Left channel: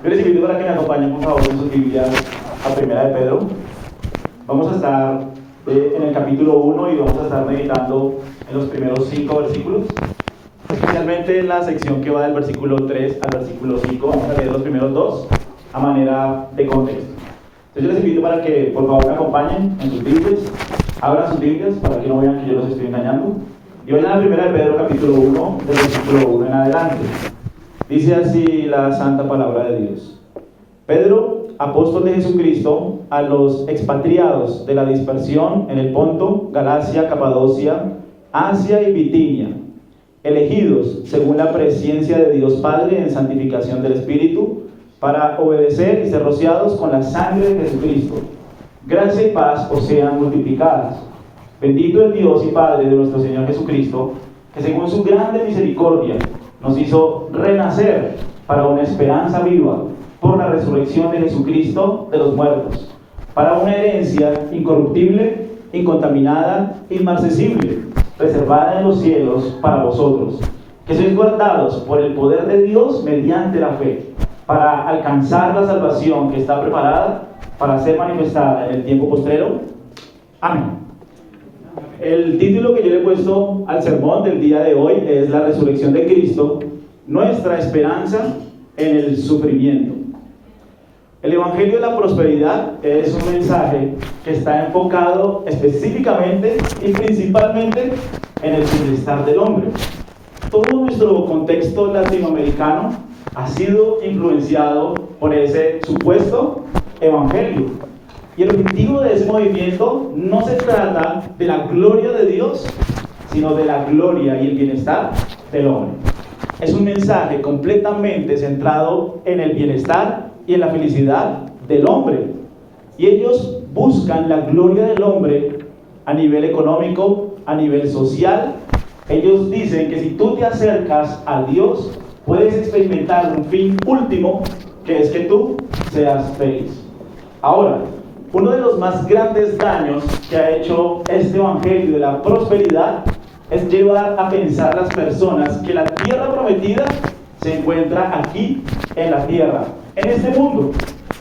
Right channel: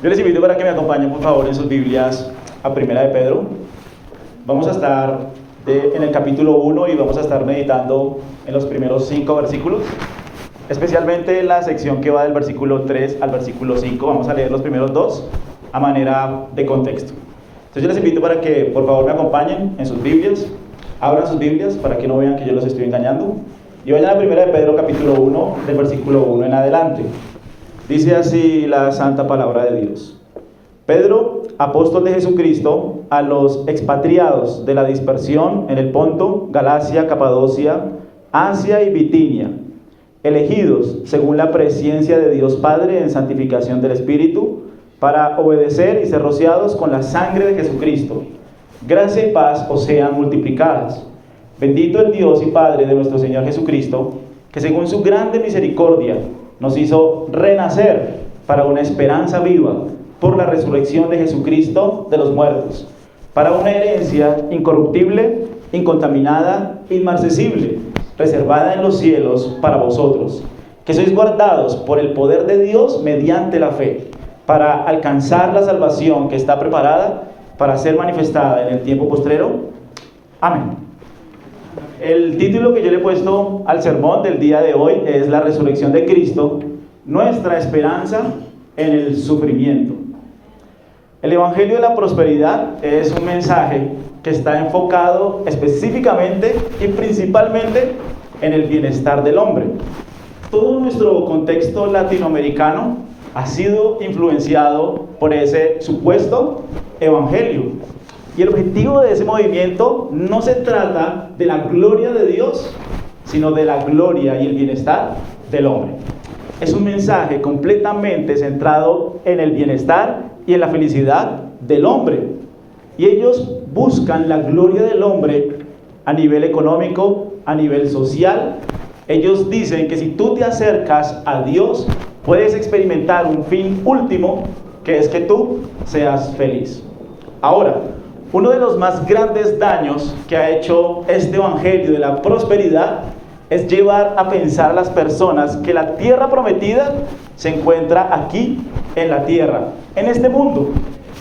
Yo les invito para que me acompañen, por favor, en sus Biblias a Primera de Pedro. Vamos a estar en el capítulo 1 y vamos a estar meditando en los primeros 5 versículos, especialmente en la sección que va del versículo 3 al versículo 5. Vamos a leer los primeros 2 a manera de contexto. Entonces yo les invito para que, por favor, me acompañen en sus Biblias, abran sus Biblias para que no vean que yo los estoy engañando, y vayan a Primera de Pedro, capítulo 1, del versículo 1 en adelante. Dice así la santa palabra de Dios. Pedro, apóstol de Jesucristo, a los expatriados de la dispersión en el Ponto, Galacia, Capadocia, Asia y Bitinia, elegidos según la presciencia de Dios Padre en santificación del Espíritu, para obedecer y ser rociados con la sangre de Jesucristo. Gracia y paz os sean multiplicadas. Bendito el Dios y Padre de nuestro Señor Jesucristo, que según su grande misericordia nos hizo renacer para una esperanza viva por la resurrección de Jesucristo de los muertos, para una herencia incorruptible, incontaminada, inmarcesible, reservada en los cielos para vosotros, que sois guardados por el poder de Dios mediante la fe, para alcanzar la salvación que está preparada para ser manifestada en el tiempo postrero. Amén. El título que yo le he puesto al sermón del día de hoy es La resurrección de Cristo, nuestra esperanza en el sufrimiento. El Evangelio de la Prosperidad es un mensaje que está enfocado específicamente y principalmente en el bienestar del hombre. Todo nuestro contexto latinoamericano ha sido influenciado por ese supuesto Evangelio. Y el objetivo de ese movimiento no se trata de la gloria de Dios, sino de la gloria y el bienestar del hombre. Es un mensaje completamente centrado en el bienestar y en la felicidad del hombre. Y ellos buscan la gloria del hombre a nivel económico, a nivel social. Ellos dicen que si tú te acercas a Dios, puedes experimentar un fin último, que es que tú seas feliz. Ahora, uno de los más grandes daños que ha hecho este evangelio de la prosperidad es llevar a pensar a las personas que la tierra prometida se encuentra aquí en la tierra, en este mundo.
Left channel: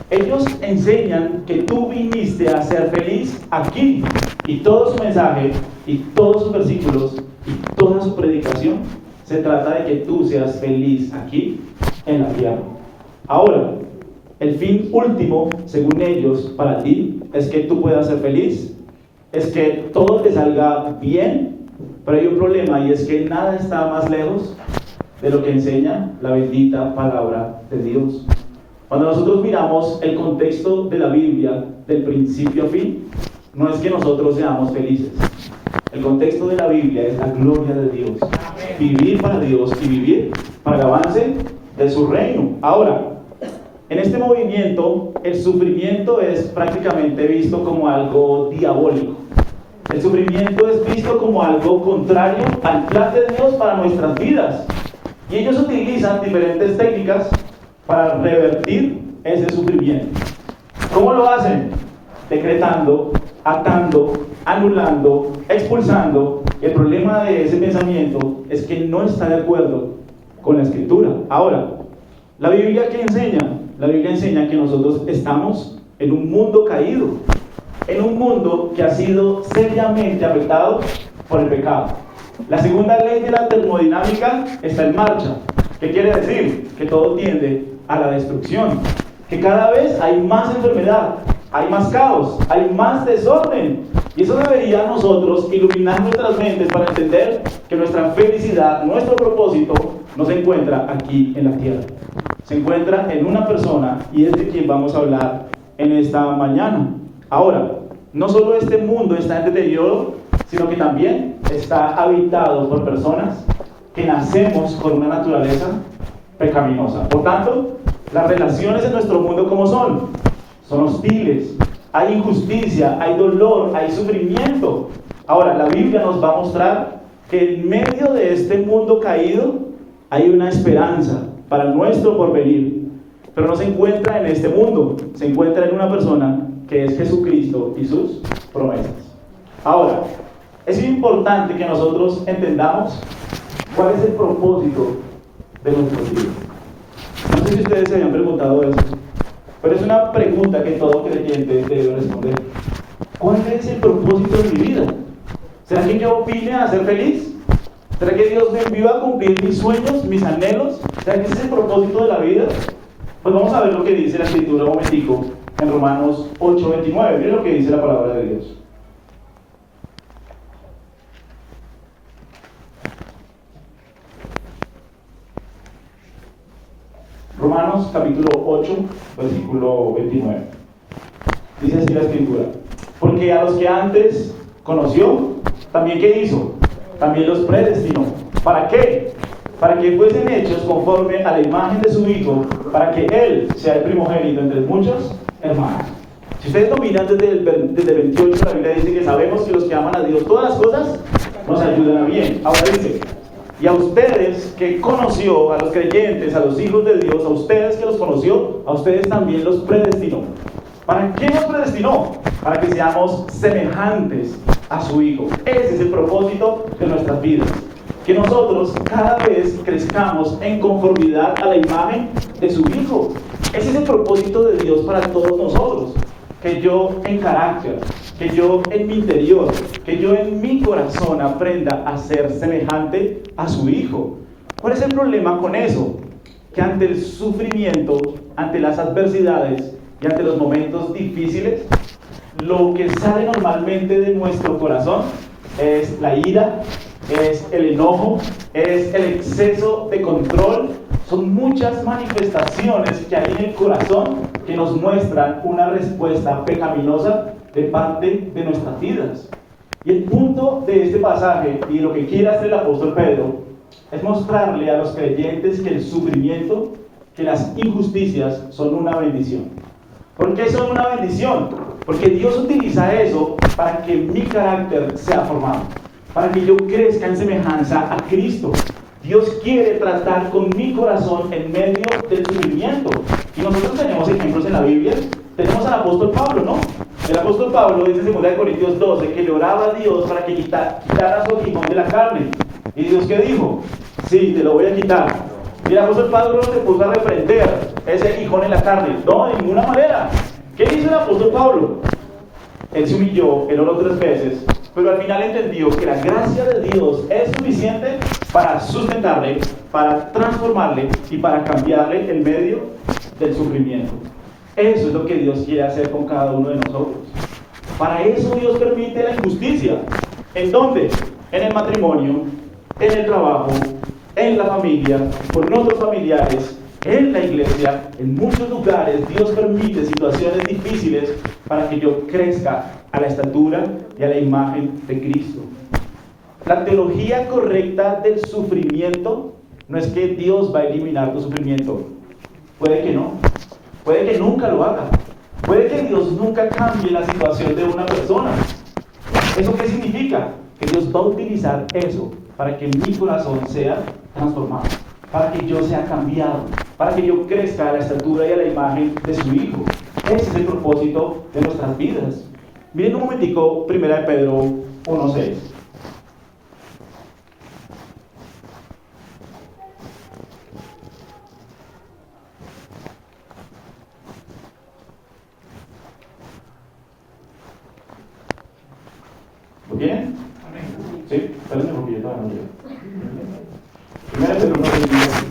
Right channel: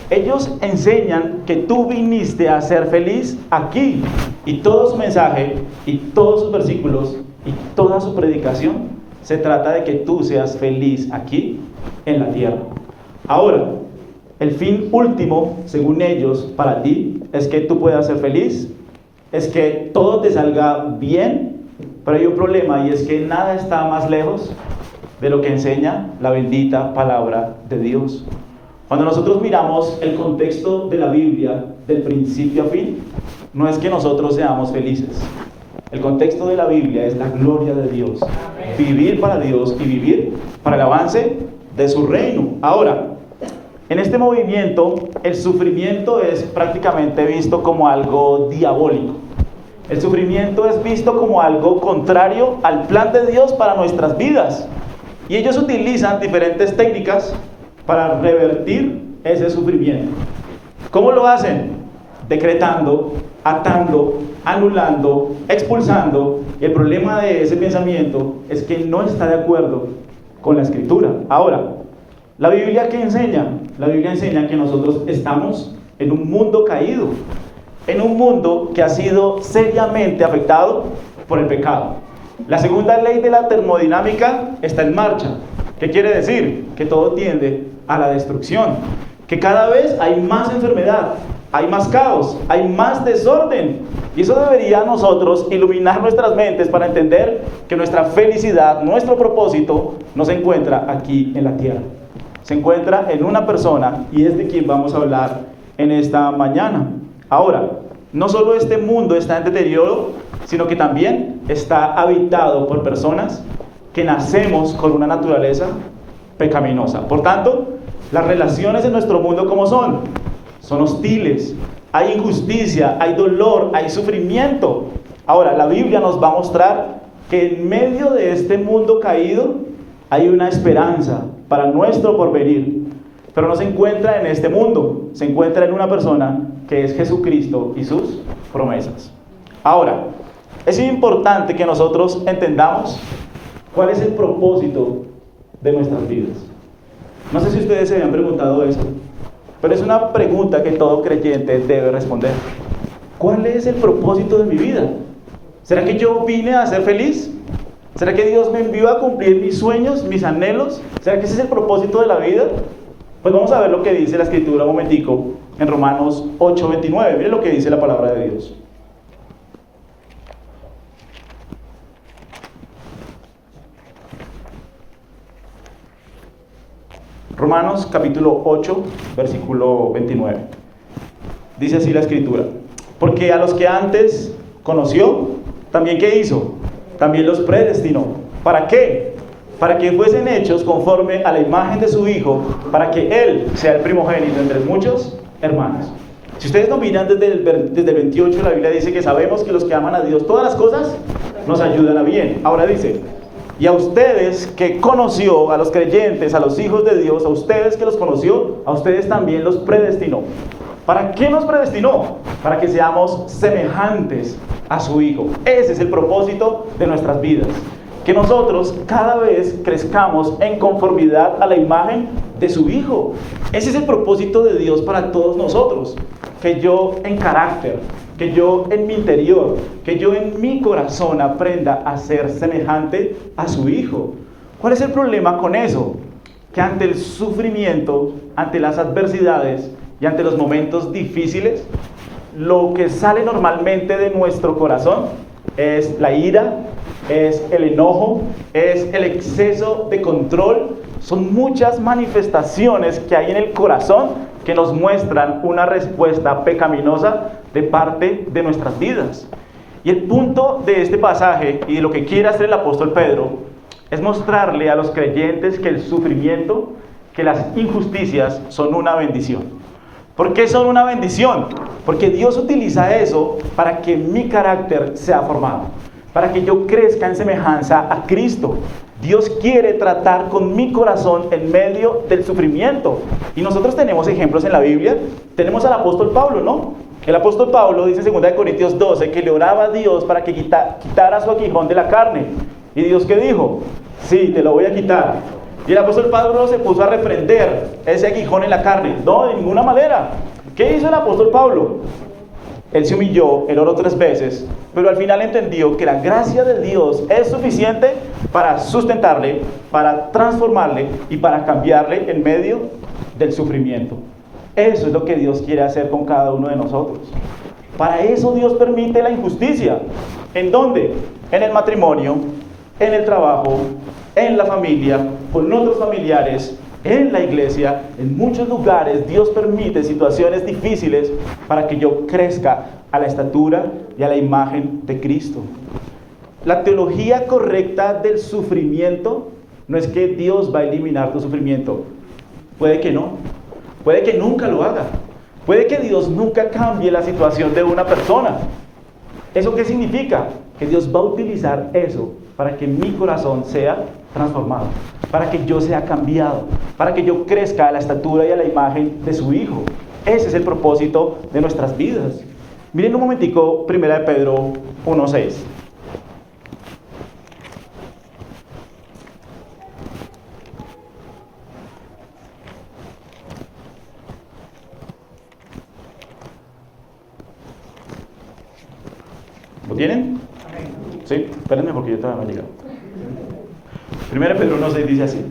Ellos enseñan que tú viniste a ser feliz aquí, y todo su mensaje y todos sus versículos y toda su predicación se trata de que tú seas feliz aquí en la tierra. Ahora, el fin último, según ellos, para ti, es que tú puedas ser feliz, es que todo te salga bien, pero hay un problema, y es que nada está más lejos de lo que enseña la bendita palabra de Dios. Cuando nosotros miramos el contexto de la Biblia, del principio a fin, no es que nosotros seamos felices. El contexto de la Biblia es la gloria de Dios, vivir para Dios y vivir para el avance de su reino. Ahora, en este movimiento, el sufrimiento es prácticamente visto como algo diabólico. El sufrimiento es visto como algo contrario al plan de Dios para nuestras vidas. Y ellos utilizan diferentes técnicas para revertir ese sufrimiento. ¿Cómo lo hacen? Decretando, atando, anulando, expulsando. Y el problema de ese pensamiento es que no está de acuerdo con la Escritura. Ahora, ¿la Biblia qué enseña? La Biblia enseña que nosotros estamos en un mundo caído, en un mundo que ha sido seriamente afectado por el pecado. La segunda ley de la termodinámica está en marcha. ¿Qué quiere decir? Que todo tiende a la destrucción, que cada vez hay más enfermedad, hay más caos, hay más desorden. Y eso debería a nosotros iluminar nuestras mentes para entender que nuestra felicidad, nuestro propósito, no se encuentra aquí en la tierra. Se encuentra en una persona, y es de quien vamos a hablar en esta mañana. Ahora, no solo este mundo está en deterioro, sino que también está habitado por personas que nacemos con una naturaleza pecaminosa. Por tanto, las relaciones en nuestro mundo, ¿cómo son? Son hostiles, hay injusticia, hay dolor, hay sufrimiento. Ahora, la Biblia nos va a mostrar que en medio de este mundo caído hay una esperanza para nuestro porvenir, pero no se encuentra en este mundo, se encuentra en una persona que es Jesucristo y sus promesas. Ahora, es importante que nosotros entendamos cuál es el propósito de nuestras vidas. No sé si ustedes se habían preguntado eso, pero es una pregunta que todo creyente debe responder. ¿Cuál es el propósito de mi vida? ¿Será que yo vine a ser feliz? ¿Será que Dios me envió a cumplir mis sueños, mis anhelos? ¿Será que ese es el propósito de la vida? Pues vamos a ver lo que dice la Escritura un momentico en Romanos 8:29. Miren lo que dice la palabra de Dios. Romanos capítulo 8, versículo 29. Dice así la Escritura: porque a los que antes conoció, también ¿qué hizo? También los predestinó. ¿Para qué? Para que fuesen hechos conforme a la imagen de su Hijo, para que Él sea el primogénito entre muchos hermanos. Si ustedes dominan desde el 28, la Biblia dice que sabemos que los que aman a Dios, todas las cosas nos ayudan a bien. Ahora dice: y a ustedes que conoció, a los creyentes, a los hijos de Dios, a ustedes que los conoció, a ustedes también los predestinó. ¿Para qué nos predestinó? Para que seamos semejantes a su Hijo. Ese es el propósito de nuestras vidas. Que nosotros cada vez crezcamos en conformidad a la imagen de su Hijo. Ese es el propósito de Dios para todos nosotros. Que yo en carácter, que yo en mi interior, que yo en mi corazón aprenda a ser semejante a su Hijo. ¿Cuál es el problema con eso? Que ante el sufrimiento, ante las adversidades y ante los momentos difíciles, lo que sale normalmente de nuestro corazón es la ira, es el enojo, es el exceso de control. Son muchas manifestaciones que hay en el corazón que nos muestran una respuesta pecaminosa de parte de nuestras vidas. Y el punto de este pasaje y de lo que quiere hacer el apóstol Pedro es mostrarle a los creyentes que el sufrimiento, que las injusticias son una bendición. ¿Por qué son una bendición? Porque Dios utiliza eso para que mi carácter sea formado, para que yo crezca en semejanza a Cristo. Dios quiere tratar con mi corazón en medio del sufrimiento. Y nosotros tenemos ejemplos en la Biblia. Tenemos al apóstol Pablo, ¿no? El apóstol Pablo dice en 2 Corintios 12 que le oraba a Dios para que quitara su aguijón de la carne. ¿Y Dios qué dijo? Sí, te lo voy a quitar. Y el apóstol Pablo se puso a reprender ese aguijón en la carne. No, de ninguna manera. ¿Qué hizo el apóstol Pablo? Él se humilló, él oró 3 veces, pero al final entendió que la gracia de Dios es suficiente para sustentarle, para transformarle y para cambiarle en medio del sufrimiento. Eso es lo que Dios quiere hacer con cada uno de nosotros. Para eso Dios permite la injusticia. ¿En dónde? En el matrimonio, en el trabajo, en la familia, con otros familiares, en la iglesia, en muchos lugares. Dios permite situaciones difíciles para que yo crezca a la estatura y a la imagen de Cristo. La teología correcta del sufrimiento no es que Dios va a eliminar tu sufrimiento. Puede que no. Puede que nunca lo haga. Puede que Dios nunca cambie la situación de una persona. ¿Eso qué significa? Que Dios va a utilizar eso para que mi corazón sea transformado, para que yo sea cambiado, para que yo crezca a la estatura y a la imagen de su Hijo. Ese es el propósito de nuestras vidas. Miren un momentico 1 de Pedro 1:6. ¿Lo tienen? Sí, espérenme porque yo todavía no he llegado. 1 Pedro 1:6 dice así:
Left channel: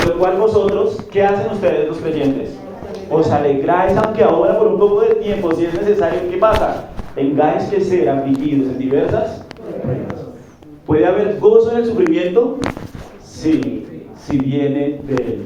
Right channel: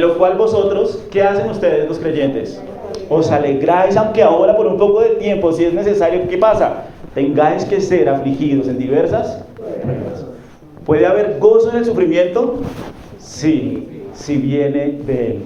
en lo cual vosotros, ¿qué hacen ustedes los creyentes? Os alegráis, aunque ahora por un poco de tiempo, si es necesario. ¿Qué pasa? Tengáis que ser afligidos en diversas pruebas. ¿Puede haber gozo en el sufrimiento? Sí, si viene de Él.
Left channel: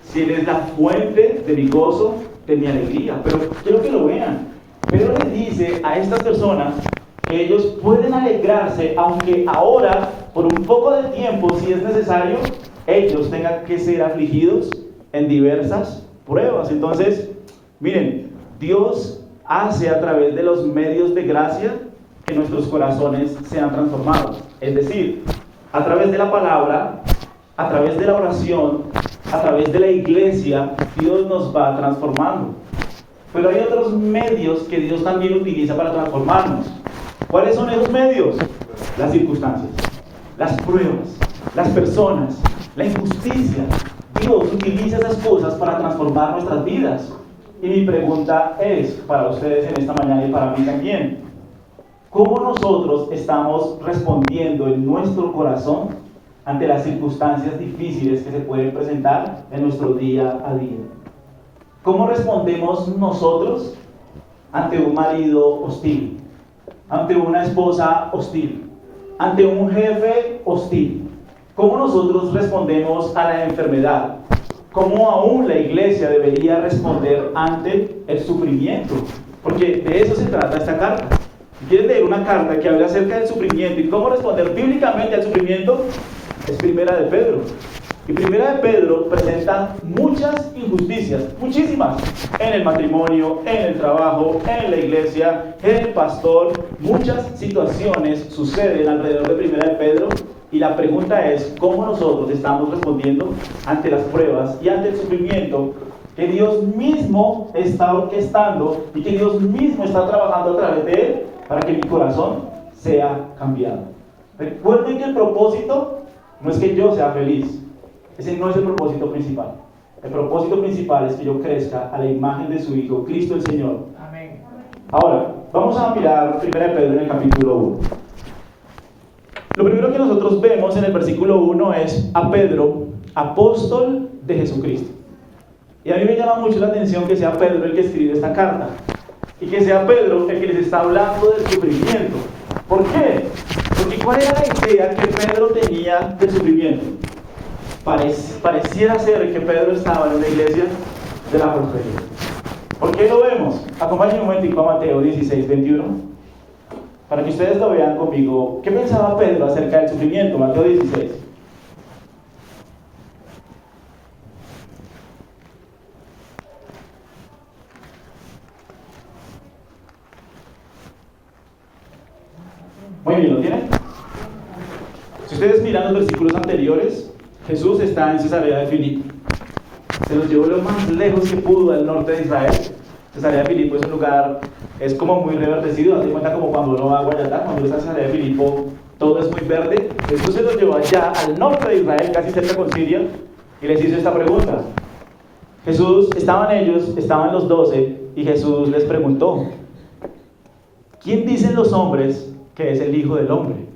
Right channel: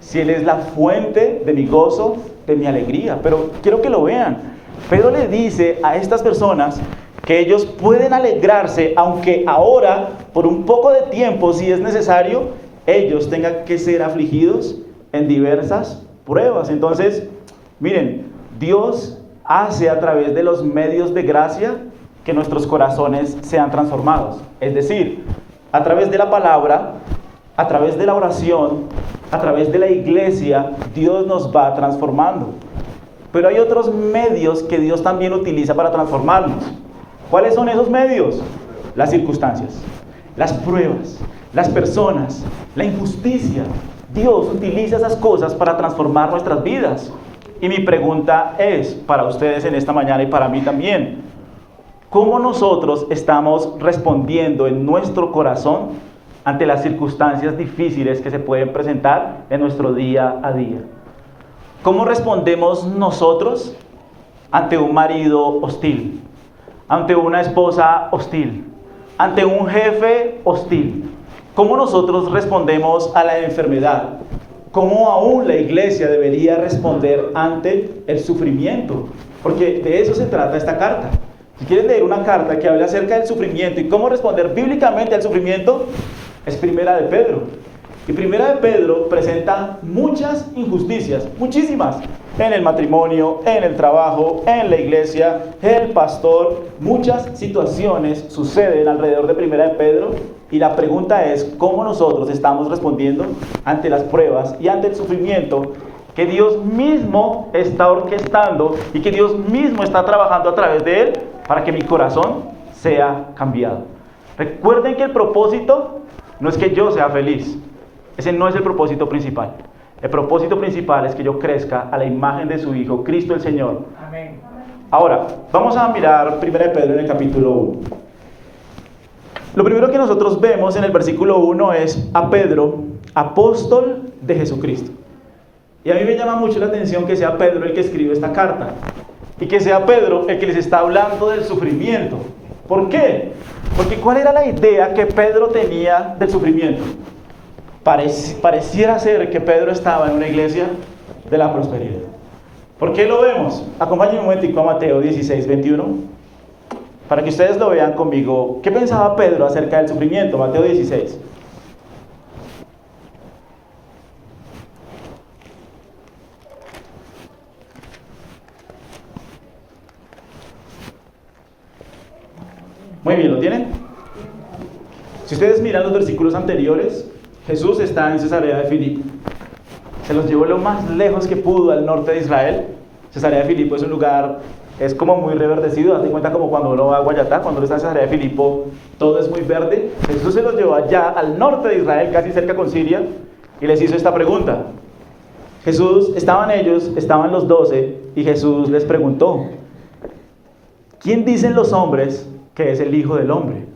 Si Él es la fuente de mi gozo, de mi alegría. Pero quiero que lo vean. Pedro le dice a estas personas que ellos pueden alegrarse, aunque ahora, por un poco de tiempo, si es necesario, ellos tengan que ser afligidos en diversas pruebas. Entonces, miren, Dios hace a través de los medios de gracia que nuestros corazones sean transformados. Es decir, a través de la palabra, a través de la oración, a través de la iglesia, Dios nos va transformando. Pero hay otros medios que Dios también utiliza para transformarnos. ¿Cuáles son esos medios? Las circunstancias, las pruebas, las personas, la injusticia. Dios utiliza esas cosas para transformar nuestras vidas. Y mi pregunta es para ustedes en esta mañana y para mí también: ¿cómo nosotros estamos respondiendo en nuestro corazón ante las circunstancias difíciles que se pueden presentar en nuestro día a día? ¿Cómo respondemos nosotros ante un marido hostil, ante una esposa hostil, ante un jefe hostil? ¿Cómo nosotros respondemos a la enfermedad? ¿Cómo aún la iglesia debería responder ante el sufrimiento? Porque de eso se trata esta carta. Si quieres leer una carta que habla acerca del sufrimiento y cómo responder bíblicamente al sufrimiento, es Primera de Pedro. Y Primera de Pedro presenta muchas injusticias, muchísimas, en el matrimonio, en el trabajo, en la iglesia, en el pastor. Muchas situaciones suceden alrededor de Primera de Pedro. Y la pregunta es: ¿cómo nosotros estamos respondiendo ante las pruebas y ante el sufrimiento que Dios mismo está orquestando y que Dios mismo está trabajando a través de él para que mi corazón sea cambiado? Recuerden que el propósito no es que yo sea feliz. Ese no es el propósito principal. El propósito principal es que yo crezca a la imagen de su Hijo, Cristo el Señor. Amén. Ahora, vamos a mirar 1 Pedro en el capítulo 1. Lo primero que nosotros vemos en el versículo 1 es a Pedro, apóstol de Jesucristo. Y a mí me llama mucho la atención que sea Pedro el que escribe esta carta. Y que sea Pedro el que les está hablando del sufrimiento. ¿Por qué? Porque ¿cuál era la idea que Pedro tenía del sufrimiento? Pareciera ser que Pedro estaba en una iglesia de la prosperidad. ¿Por qué lo vemos? Acompáñenme un momentico a Mateo 16, 21. Para que ustedes lo vean conmigo. ¿Qué pensaba Pedro acerca del sufrimiento? Mateo 16. Muy bien, ¿lo tienen? Si ustedes miran los versículos anteriores, Jesús está en Cesarea de Filipo. Se los llevó lo más lejos que pudo al norte de Israel. Cesarea de Filipo es un lugar, es como muy reverdecido. Date cuenta como cuando uno va a Guayatá, cuando uno está en Cesarea de Filipo, todo es muy verde. Jesús se los llevó allá al norte de Israel, casi cerca con Siria, y les hizo esta pregunta. Estaban los 12, y Jesús les preguntó: ¿quién dicen los hombres que es el Hijo del Hombre?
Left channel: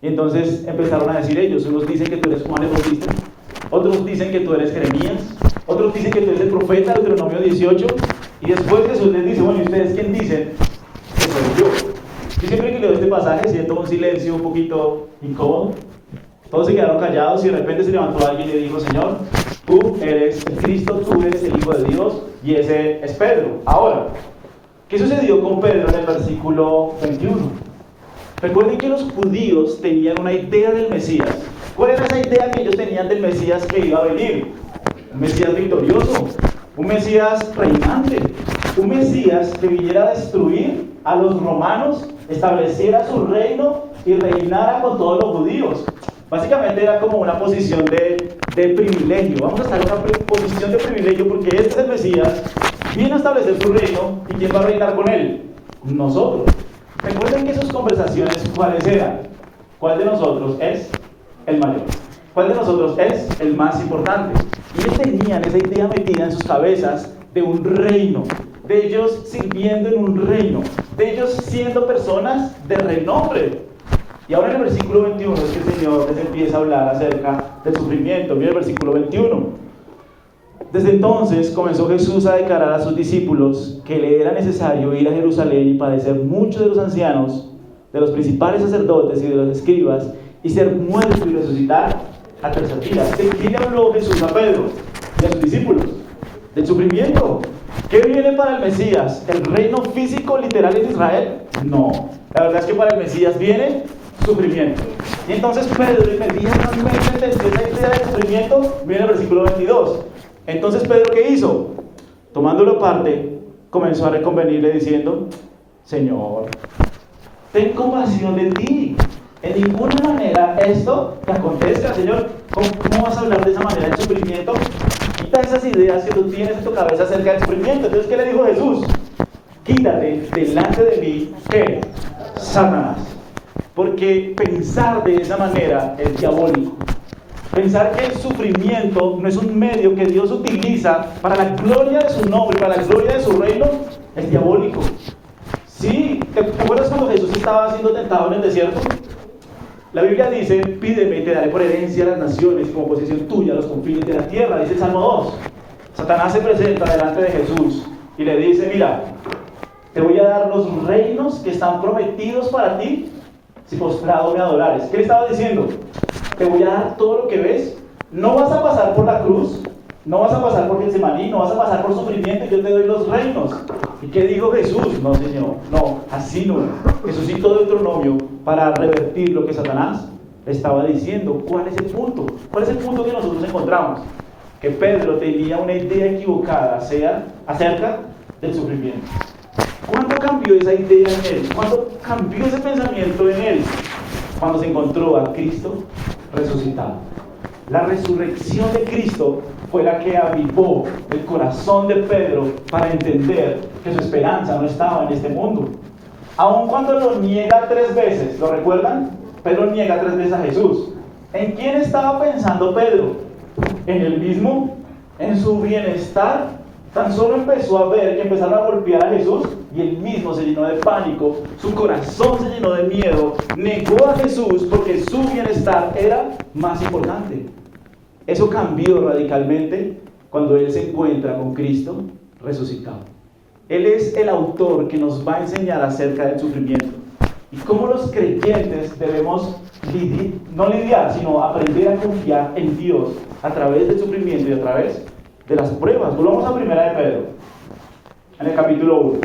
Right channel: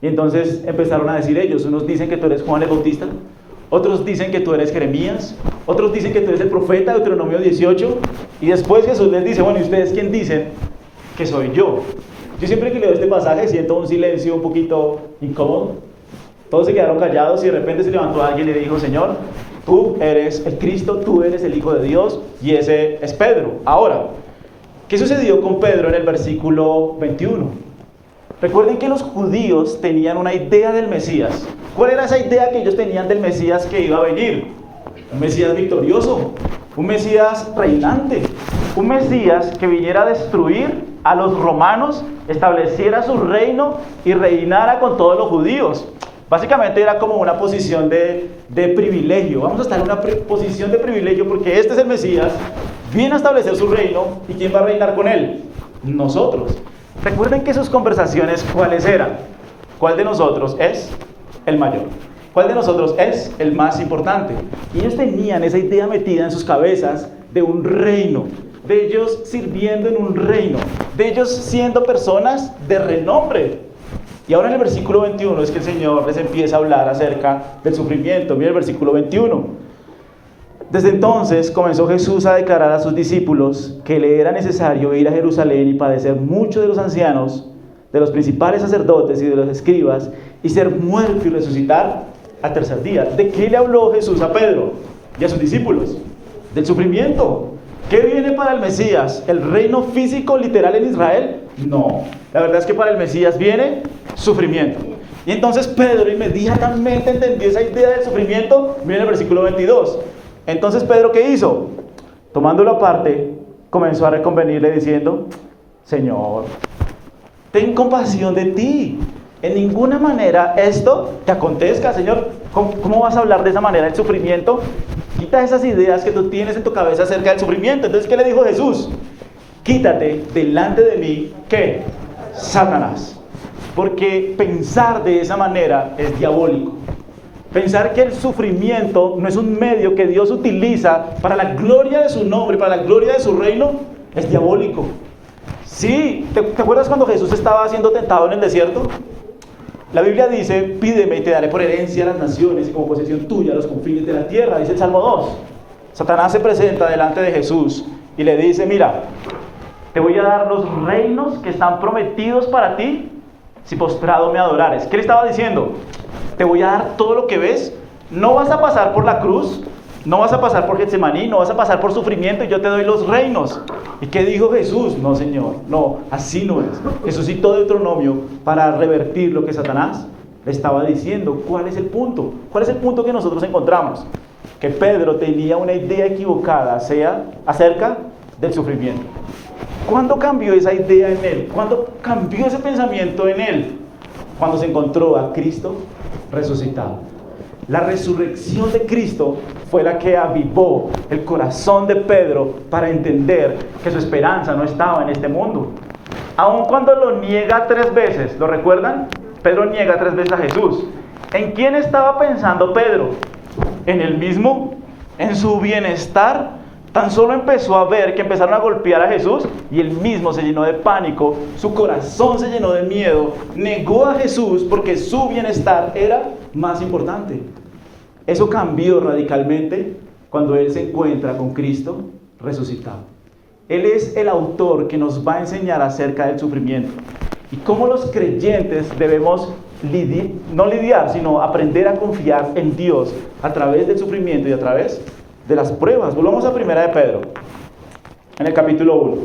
Y entonces empezaron a decir ellos: unos dicen que tú eres Juan el Bautista, otros dicen que tú eres Jeremías, otros dicen que tú eres el profeta, Deuteronomio 18. Y después Jesús les dice: bueno, ¿y ustedes quién dicen que soy yo? Yo siempre que leo este pasaje siento un silencio un poquito incómodo. Todos se quedaron callados y de repente se levantó alguien y le dijo: Señor, tú eres el Cristo, tú eres el Hijo de Dios. Y ese es Pedro. Ahora, ¿qué sucedió con Pedro en el versículo 21? Recuerden que los judíos tenían una idea del Mesías. ¿Cuál era esa idea que ellos tenían del Mesías que iba a venir? Un Mesías victorioso, un Mesías reinante, un Mesías que viniera a destruir a los romanos, estableciera su reino y reinara con todos los judíos. Básicamente era como una posición de privilegio. Vamos a estar en una posición de privilegio porque este es el Mesías, viene a establecer su reino. ¿Y quién va a reinar con él? Nosotros. Recuerden que sus conversaciones, ¿cuáles eran? ¿Cuál de nosotros es el mayor? ¿Cuál de nosotros es el más importante? Y ellos tenían esa idea metida en sus cabezas de un reino, de ellos sirviendo en un reino, de ellos siendo personas de renombre. Y ahora en el versículo 21 es que el Señor les empieza a hablar acerca del sufrimiento. Mira el versículo 21. Desde entonces comenzó Jesús a declarar a sus discípulos que le era necesario ir a Jerusalén y padecer mucho de los ancianos, de los principales sacerdotes y de los escribas, y ser muerto y resucitar al tercer día. ¿De qué le habló Jesús a Pedro y a sus discípulos? Del sufrimiento. ¿Qué viene para el Mesías? ¿El reino físico literal en Israel? No. La verdad es que para el Mesías viene sufrimiento. Y entonces Pedro inmediatamente entendió esa idea del sufrimiento. Viene el versículo 22. Entonces Pedro, ¿qué hizo? Tomándolo aparte, comenzó a reconvenirle diciendo: Señor, ten compasión de ti. En ninguna manera esto te acontezca, Señor. ¿Cómo vas a hablar de esa manera del sufrimiento? Quita esas ideas que tú tienes en tu cabeza acerca del sufrimiento. Entonces, ¿qué le dijo Jesús? Quítate delante de mí, ¿qué? Satanás. Porque pensar de esa manera es diabólico. Pensar que el sufrimiento no es un medio que Dios utiliza para la gloria de su nombre, para la gloria de su reino, es diabólico. Sí, ¿te acuerdas cuando Jesús estaba siendo tentado en el desierto? La Biblia dice, pídeme y te daré por herencia a las naciones y como posesión tuya los confines de la tierra, dice el Salmo 2. Satanás se presenta delante de Jesús y le dice, mira, te voy a dar los reinos que están prometidos para ti si postrado me adorares. ¿Qué le estaba diciendo? Te voy a dar todo lo que ves, no vas a pasar por la cruz, no vas a pasar por Getsemaní, no vas a pasar por sufrimiento y yo te doy los reinos. ¿Y qué dijo Jesús? No, Señor, no, así no es. Jesús citó Deuteronomio para revertir lo que Satanás le estaba diciendo. ¿Cuál es el punto? ¿Cuál es el punto que nosotros encontramos? Que Pedro tenía una idea equivocada acerca del sufrimiento. ¿Cuándo cambió esa idea en él? ¿Cuándo cambió ese pensamiento en él? Cuando se encontró a Cristo resucitado. La resurrección de Cristo fue la que avivó el corazón de Pedro para entender que su esperanza no estaba en este mundo. Aun cuando lo niega 3 veces, ¿lo recuerdan? Pedro niega 3 veces a Jesús. ¿En quién estaba pensando Pedro? ¿En él mismo? ¿En su bienestar? Tan solo empezó a ver que empezaron a golpear a Jesús y él mismo se llenó de pánico, su corazón se llenó de miedo, negó a Jesús porque su bienestar era más importante. Eso cambió radicalmente cuando él se encuentra con Cristo resucitado. Él es el autor que nos va a enseñar acerca del sufrimiento y cómo los creyentes debemos no lidiar, sino aprender a confiar en Dios a través del sufrimiento y a través de las pruebas. Volvamos a Primera de Pedro, en el capítulo 1.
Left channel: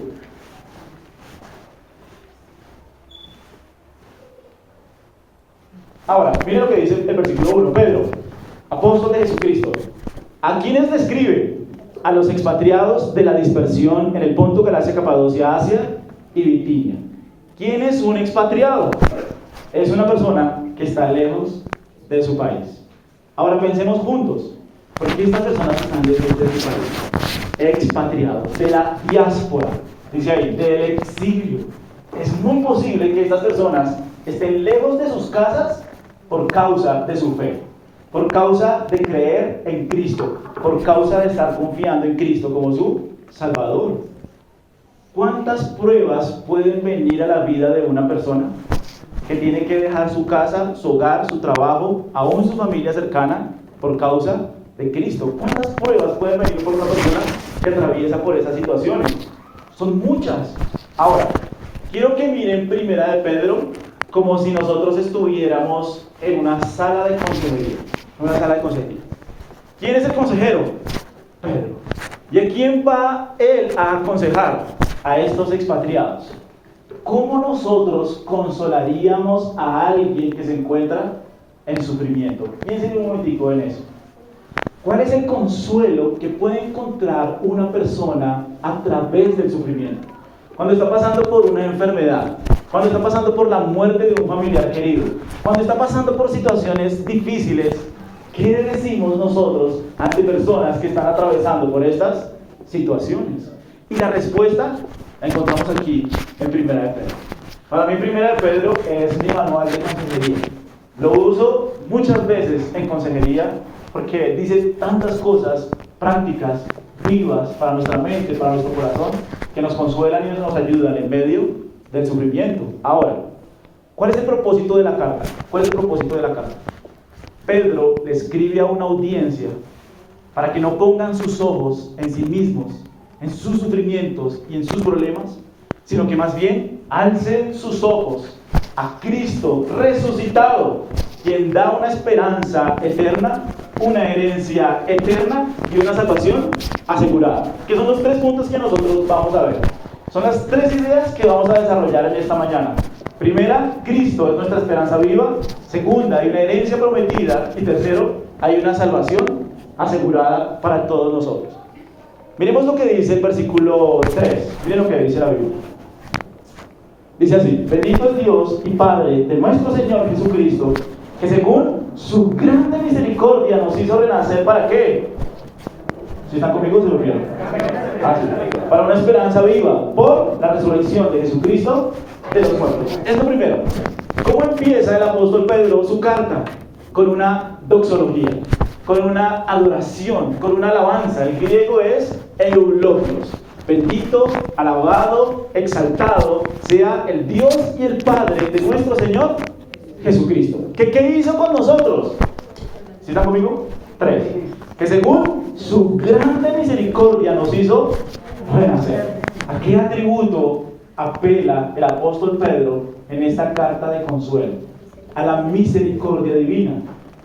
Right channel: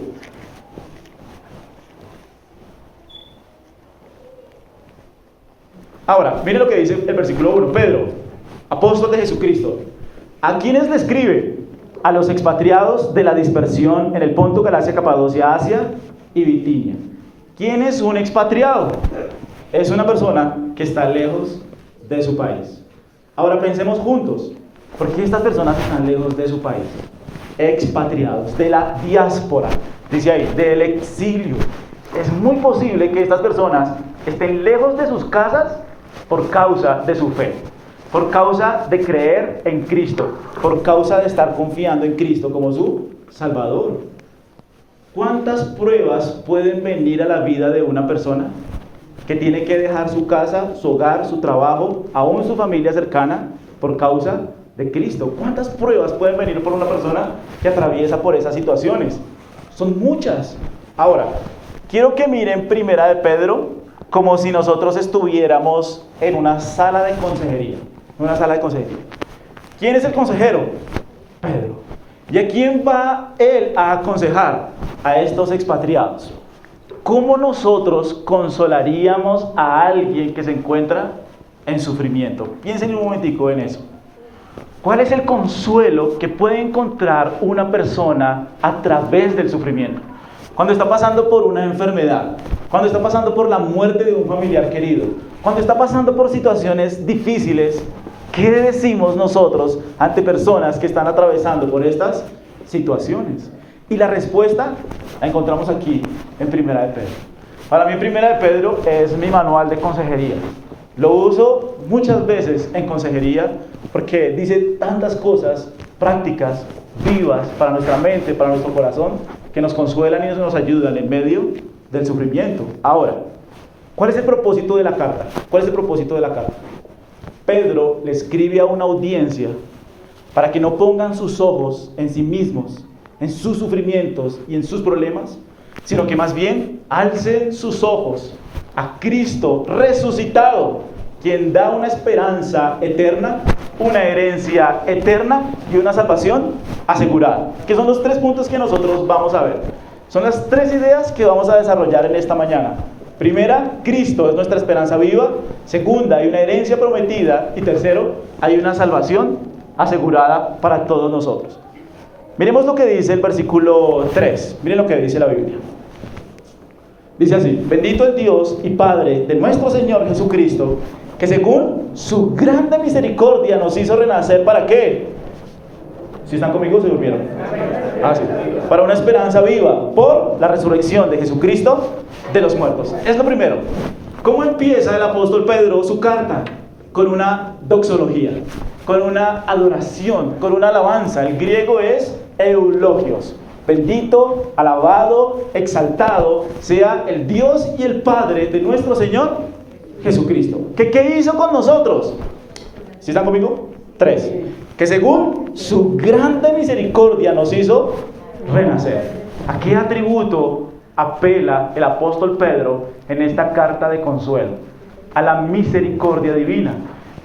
Ahora, miren lo que dice el versículo 1. Pedro, apóstol de Jesucristo, ¿a quiénes le escribe? A los expatriados de la dispersión en el Ponto, Galacia, Capadocia, Asia y Bitinia. ¿Quién es un expatriado? Es una persona que está lejos de su país. Ahora pensemos juntos. ¿Por qué estas personas están lejos de su país? Expatriados, de la diáspora, dice ahí, del exilio. Es muy posible que estas personas estén lejos de sus casas por causa de su fe, por causa de creer en Cristo, por causa de estar confiando en Cristo como su Salvador. ¿Cuántas pruebas pueden venir a la vida de una persona que tiene que dejar su casa, su hogar, su trabajo, aún su familia cercana, por causa de Cristo? ¿Cuántas pruebas pueden venir por una persona que atraviesa por esas situaciones? Son muchas. Ahora, quiero que miren Primera de Pedro como si nosotros estuviéramos en una sala de consejería. Una sala de consejería. ¿Quién es el consejero? Pedro. ¿Y a quién va él a aconsejar? A estos expatriados. ¿Cómo nosotros consolaríamos a alguien que se encuentra en sufrimiento? Piensen un momentico en eso. ¿Cuál es el consuelo que puede encontrar una persona a través del sufrimiento? Cuando está pasando por una enfermedad, cuando está pasando por la muerte de un familiar querido, cuando está pasando por situaciones difíciles, ¿qué decimos nosotros ante personas que están atravesando por estas situaciones? Y la respuesta la encontramos aquí en Primera de Pedro. Para mí Primera de Pedro es mi manual de consejería. Lo uso muchas veces en consejería porque dice tantas cosas prácticas, vivas para nuestra mente, para nuestro corazón, que nos consuelan y nos ayudan en medio del sufrimiento. Ahora, ¿cuál es el propósito de la carta? ¿Cuál es el propósito de la carta? Pedro le escribe a una audiencia para que no pongan sus ojos en sí mismos, en sus sufrimientos y en sus problemas, sino que más bien alcen sus ojos a Cristo resucitado, quien da una esperanza eterna, una herencia eterna y una salvación asegurada. Que son los 3 puntos que nosotros vamos a ver. Son las 3 ideas que vamos a desarrollar en esta mañana. Primera, Cristo es nuestra esperanza viva. Segunda, hay una herencia prometida. Y tercero, hay una salvación asegurada para todos nosotros. Miremos lo que dice el versículo 3. Miren lo que dice la Biblia. Dice así: bendito es Dios y Padre de nuestro Señor Jesucristo, que según su grande misericordia nos hizo renacer. ¿Para qué? Si están conmigo, se durmieron. Sí. Para una esperanza viva por la resurrección de Jesucristo de los muertos. Es lo primero. ¿Cómo empieza el apóstol Pedro su carta? Con una doxología, con una adoración, con una alabanza. El griego es eulogios. Bendito, alabado, exaltado sea el Dios y el Padre de nuestro Señor Jesucristo. ¿Qué hizo con nosotros? ¿Sí están conmigo? 3. Que según su grande misericordia nos hizo renacer. ¿A qué atributo apela el apóstol Pedro en esta carta de consuelo? A la misericordia divina.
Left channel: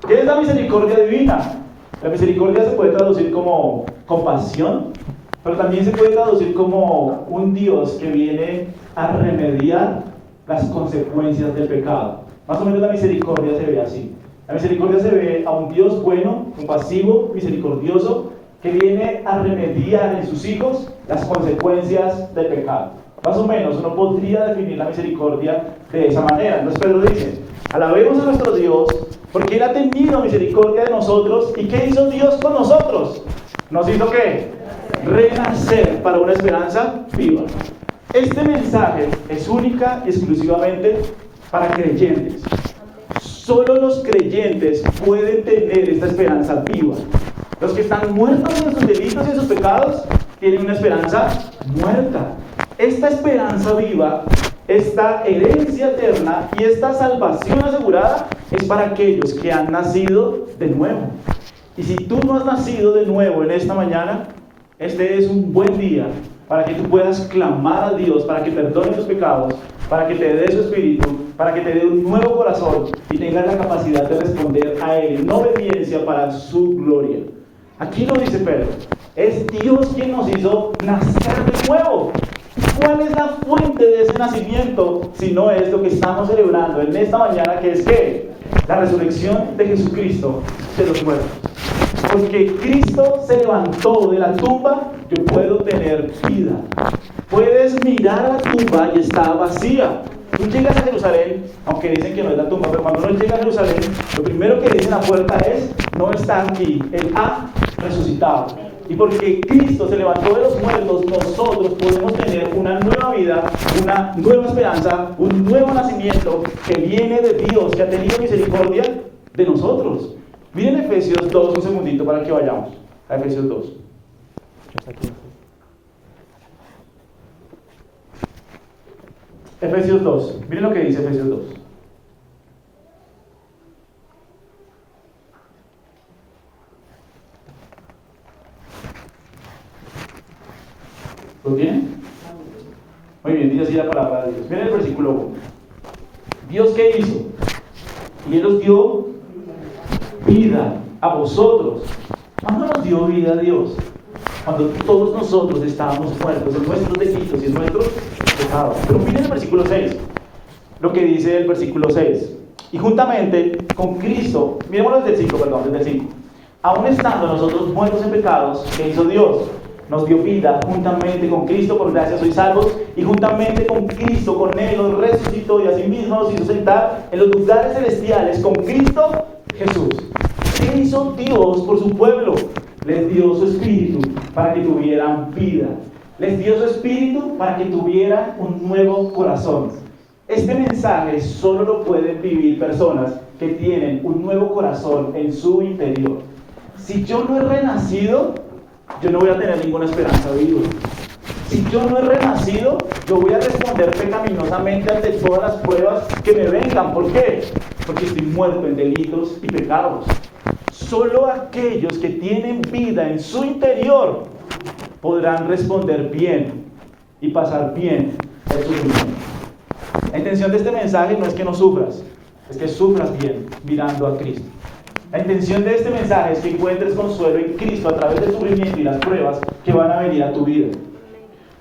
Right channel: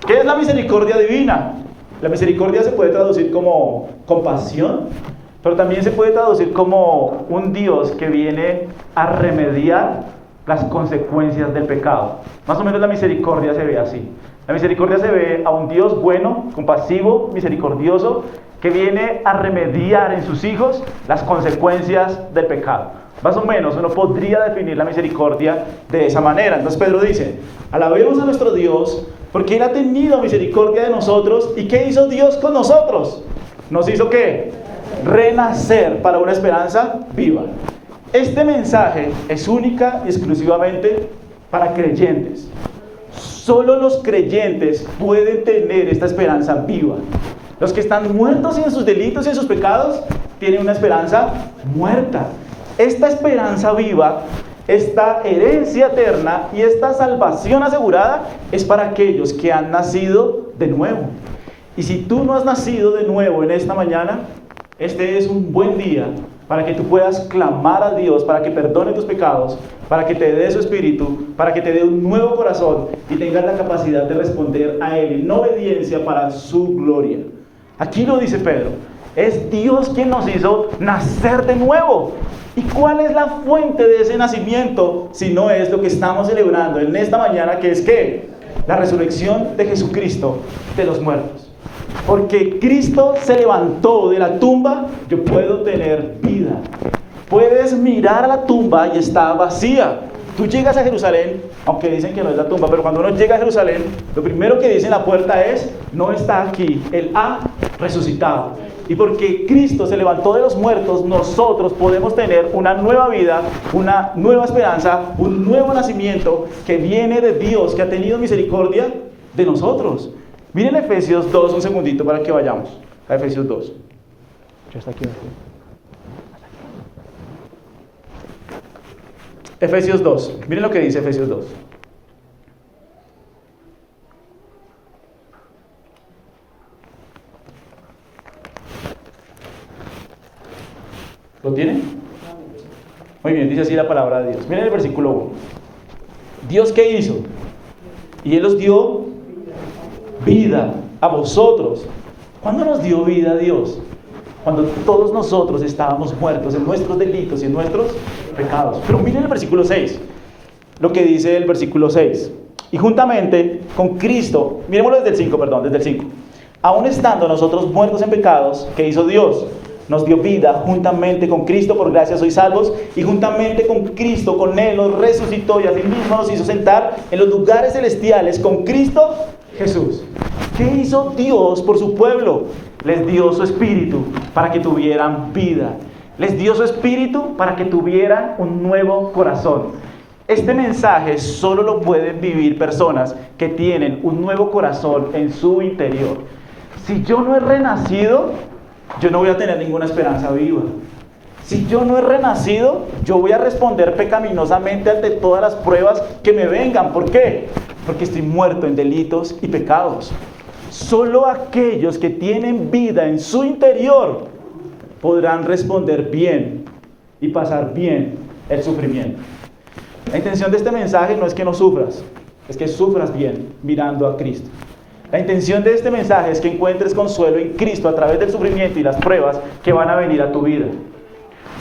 ¿Qué es la misericordia divina? La misericordia se puede traducir como compasión, pero también se puede traducir como un Dios que viene a remediar las consecuencias del pecado. Más o menos la misericordia se ve así. La misericordia se ve a un Dios bueno, compasivo, misericordioso, que viene a remediar en sus hijos las consecuencias del pecado. Más o menos uno podría definir la misericordia de esa manera. Entonces Pedro dice: alabemos a nuestro Dios porque Él ha tenido misericordia de nosotros. ¿Y qué hizo Dios con nosotros? ¿Nos hizo qué? Renacer para una esperanza viva. Este mensaje es única y exclusivamente para creyentes. Solo los creyentes pueden tener esta esperanza viva. Los que están muertos en sus delitos y en sus pecados tienen una esperanza muerta. Esta esperanza viva, esta herencia eterna y esta salvación asegurada es para aquellos que han nacido de nuevo. Y si tú no has nacido de nuevo en esta mañana, este es un buen día para que tú puedas clamar a Dios para que perdone tus pecados, para que te dé su espíritu, para que te dé un nuevo corazón y tengas la capacidad de responder a Él en obediencia para su gloria. Aquí lo dice Pedro: es Dios quien nos hizo nacer de nuevo. ¿Y cuál es la fuente de ese nacimiento si no es lo que estamos celebrando en esta mañana, que es ¿qué? La resurrección de Jesucristo de los muertos? Porque Cristo se levantó de la tumba, yo puedo tener vida. Puedes mirar a la tumba y está vacía. Tú llegas a Jerusalén, aunque dicen que no es la tumba, pero cuando uno llega a Jerusalén, lo primero que dice en la puerta es: no está aquí, Él ha resucitado. Y porque Cristo se levantó de los muertos, nosotros podemos tener una nueva vida, una nueva esperanza, un nuevo nacimiento que viene de Dios, que ha tenido misericordia de nosotros. Miren Efesios 2, un segundito para que vayamos a Efesios 2. Efesios 2, miren lo que dice Efesios 2. ¿Lo tienen? Muy bien, dice así la palabra de Dios. Miren el versículo 1. ¿Dios qué hizo? Y Él os dio vida a vosotros. ¿Cuándo nos dio vida Dios? Cuando todos nosotros estábamos muertos en nuestros delitos y en nuestros pecados. Pero miren el versículo 6, lo que dice el versículo 6. Y juntamente con Cristo, miremoslo desde el 5. Aún estando nosotros muertos en pecados, ¿qué hizo Dios? Nos dio vida juntamente con Cristo, por gracia sois salvos, y juntamente con Cristo, con Él nos resucitó y asimismo nos hizo sentar en los lugares celestiales con Cristo Jesús. ¿Qué hizo Dios por su pueblo? Les dio su espíritu para que tuvieran vida. Les dio su espíritu para que tuvieran un nuevo corazón. Este mensaje solo lo pueden vivir personas que tienen un nuevo corazón en su interior. Si yo no he renacido, yo no voy a tener ninguna esperanza viva. Si yo no he renacido, yo voy a responder pecaminosamente ante todas las pruebas que me vengan. ¿Por qué? Porque estoy muerto en delitos y pecados. Solo aquellos que tienen vida en su interior podrán responder bien y pasar bien el sufrimiento. La intención de este mensaje no es que no sufras, es que sufras bien mirando a Cristo. La intención de este mensaje es que encuentres consuelo en Cristo a través del sufrimiento y las pruebas que van a venir a tu vida.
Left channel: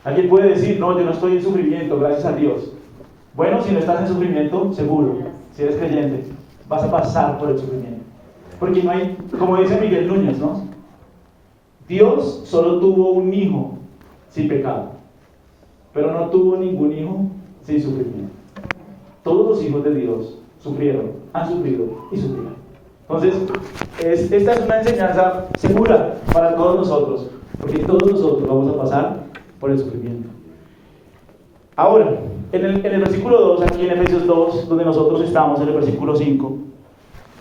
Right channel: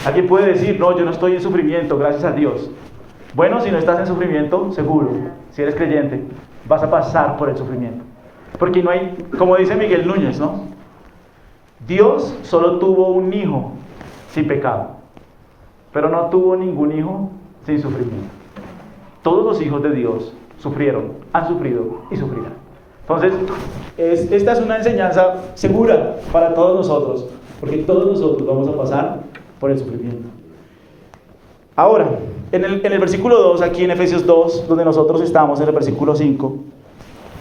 Alguien puede decir: no, yo no estoy en sufrimiento, gracias a Dios. Bueno, si no estás en sufrimiento, seguro, si eres creyente, vas a pasar por el sufrimiento. Porque no hay, como dice Miguel Núñez, ¿no? Dios solo tuvo un hijo sin pecado, pero no tuvo ningún hijo sin sufrimiento. Todos los hijos de Dios sufrieron, han sufrido y sufrirán. Entonces, esta es una enseñanza segura para todos nosotros, porque todos nosotros vamos a pasar por el sufrimiento. Ahora, en el versículo 2, aquí en Efesios 2, donde nosotros estamos, en el versículo 5,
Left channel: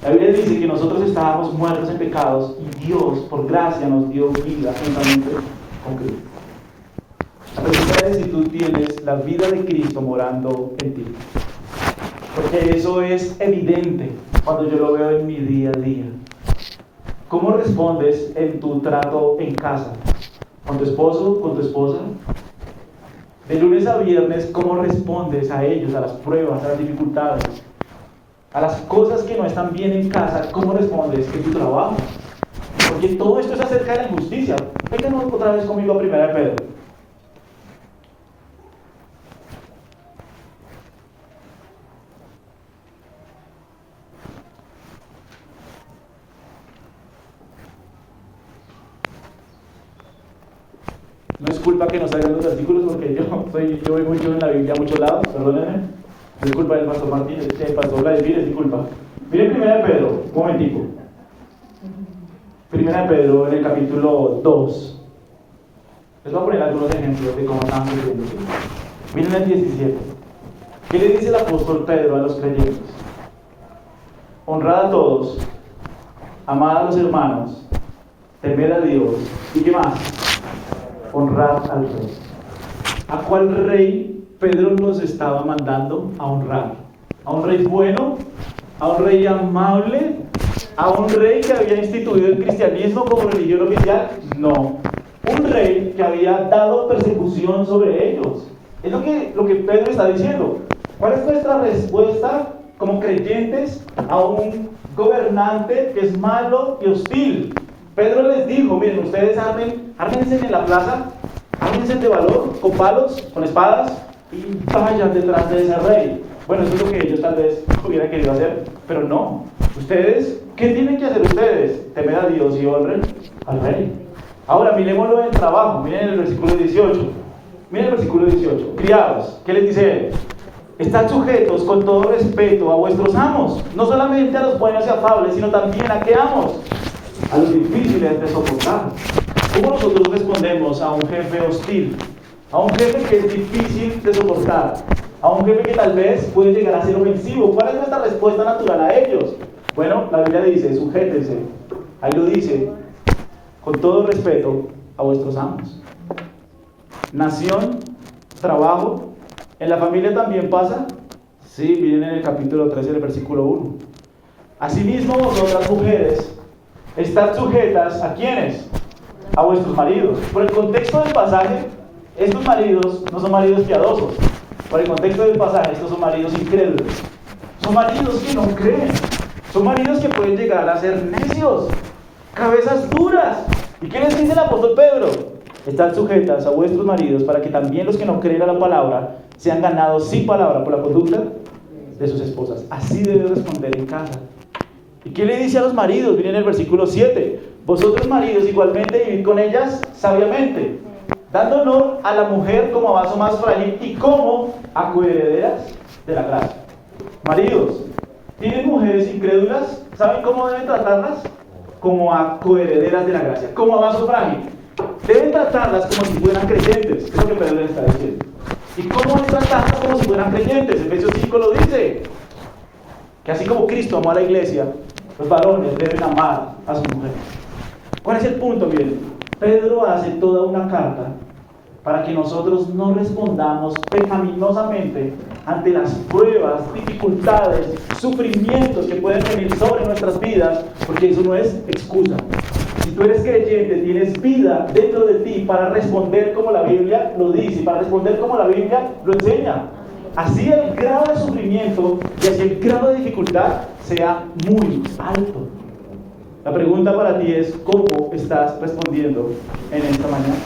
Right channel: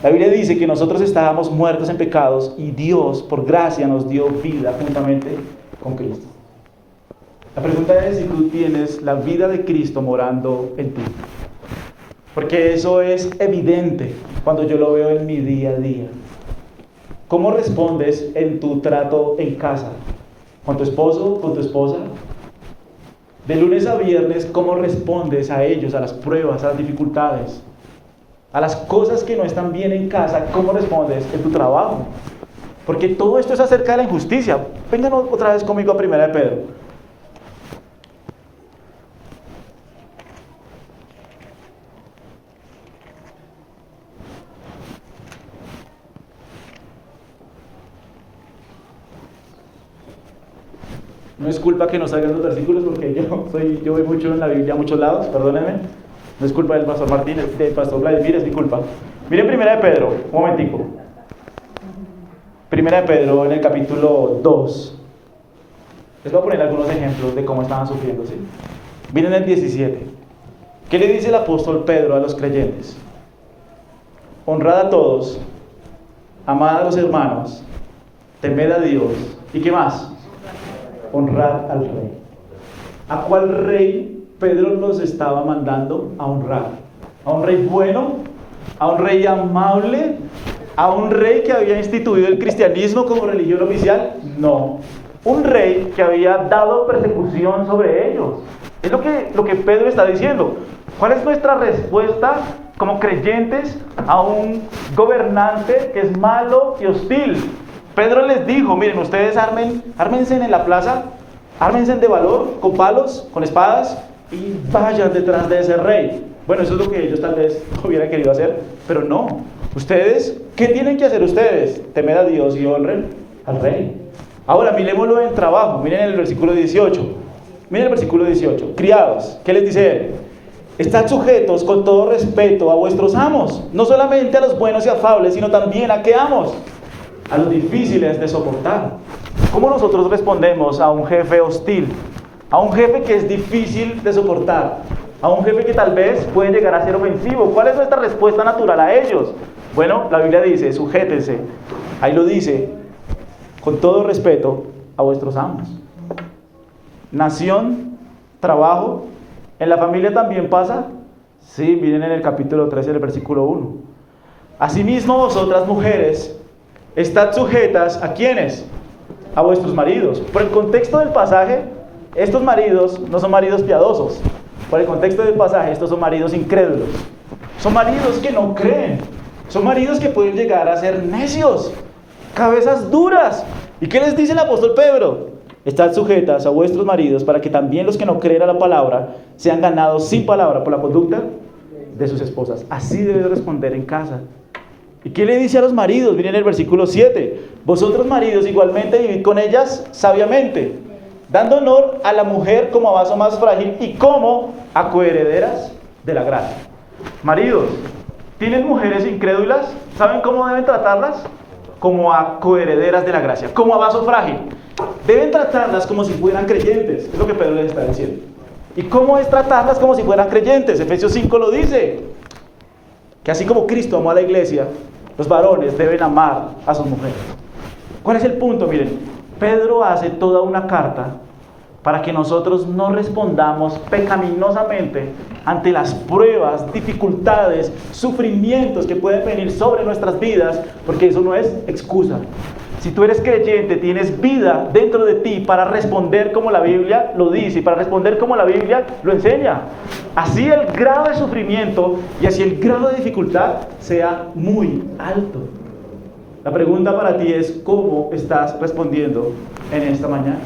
La Biblia dice que nosotros estábamos muertos en pecados y Dios, por gracia, nos dio vida juntamente con Cristo. La pregunta es si tú tienes la vida de Cristo morando en ti. Porque eso es evidente cuando yo lo veo en mi día a día. ¿Cómo respondes en tu trato en casa? ¿Con tu esposo? ¿Con tu esposa? De lunes a viernes, ¿cómo respondes a ellos, a las pruebas, a las dificultades? A las cosas que no están bien en casa, ¿cómo respondes en tu trabajo? Porque todo esto es acerca de la injusticia. Vengan otra vez conmigo a 1 de Pedro. No es culpa que no salgan los versículos porque yo voy mucho en la Biblia a muchos lados, perdónenme. No es culpa del pastor Martínez, del pastor Vladimir, es mi culpa. Miren 1 de Pedro, un momentico. 1 de Pedro en el capítulo 2. Les voy a poner algunos ejemplos de cómo estaban sufriendo. ¿Sí? Miren el 17. ¿Qué le dice el apóstol Pedro a los creyentes? Honrad a todos, amad a los hermanos, temed a Dios. ¿Y qué más? Honrar al rey. ¿A cuál rey Pedro nos estaba mandando a honrar? ¿A un rey bueno? ¿A un rey amable? ¿A un rey que había instituido el cristianismo como religión oficial? No. Un rey que había dado persecución sobre ellos. Es lo que Pedro está diciendo. ¿Cuál es nuestra respuesta como creyentes a un gobernante que es malo y hostil? Pedro les dijo, miren, ustedes ármense en la plaza, ármense de valor, con palos, con espadas, y vayan detrás de ese rey. Bueno, eso es lo que ellos tal vez hubieran querido hacer, pero no. Ustedes, ¿qué tienen que hacer ustedes? Temer a Dios y honren al rey. Ahora, miremoslo en trabajo, miren el versículo 18. Miren el versículo 18. Criados, ¿qué les dice él? Estad sujetos con todo respeto a vuestros amos, no solamente a los buenos y afables, sino también a qué amos, a los difíciles de soportar. ¿Cómo nosotros respondemos a un jefe hostil? A un jefe que es difícil de soportar, a un jefe que tal vez puede llegar a ser ofensivo. ¿Cuál es nuestra respuesta natural a ellos? Bueno, la Biblia dice, sujétense, ahí lo dice, con todo respeto a vuestros amos. Nación, trabajo, ¿en la familia también pasa? Sí, miren en el capítulo 13 del versículo 1. Asimismo vosotras mujeres, estad sujetas ¿a quiénes? A vuestros maridos. Por el contexto del pasaje, estos maridos no son maridos piadosos. Por el contexto del pasaje, estos son maridos incrédulos. Son maridos que no creen. Son maridos que pueden llegar a ser necios, cabezas duras. ¿Y qué les dice el apóstol Pedro? Estad sujetas a vuestros maridos para que también los que no creen a la palabra sean ganados sin palabra por la conducta de sus esposas. Así debe responder en casa. ¿Y qué le dice a los maridos? Miren el versículo 7. Vosotros maridos igualmente vivid con ellas sabiamente, dando honor a la mujer como a vaso más frágil y como a coherederas de la gracia. Maridos, ¿tienen mujeres incrédulas? ¿Saben cómo deben tratarlas? Como a coherederas de la gracia, como a vaso frágil. Deben tratarlas como si fueran creyentes, es lo que Pedro les está diciendo. ¿Y cómo es tratarlas como si fueran creyentes? Efesios 5 lo dice, que así como Cristo amó a la iglesia, los varones deben amar a sus mujeres. ¿Cuál es el punto? Miren, Pedro hace toda una carta para que nosotros no respondamos pecaminosamente ante las pruebas, dificultades, sufrimientos que pueden venir sobre nuestras vidas, porque eso no es excusa. Si tú eres creyente, tienes vida dentro de ti para responder como la Biblia lo dice, y para responder como la Biblia lo enseña. Así el grado de sufrimiento y así el grado de dificultad sea muy alto. La pregunta para ti es, ¿cómo estás respondiendo en esta mañana?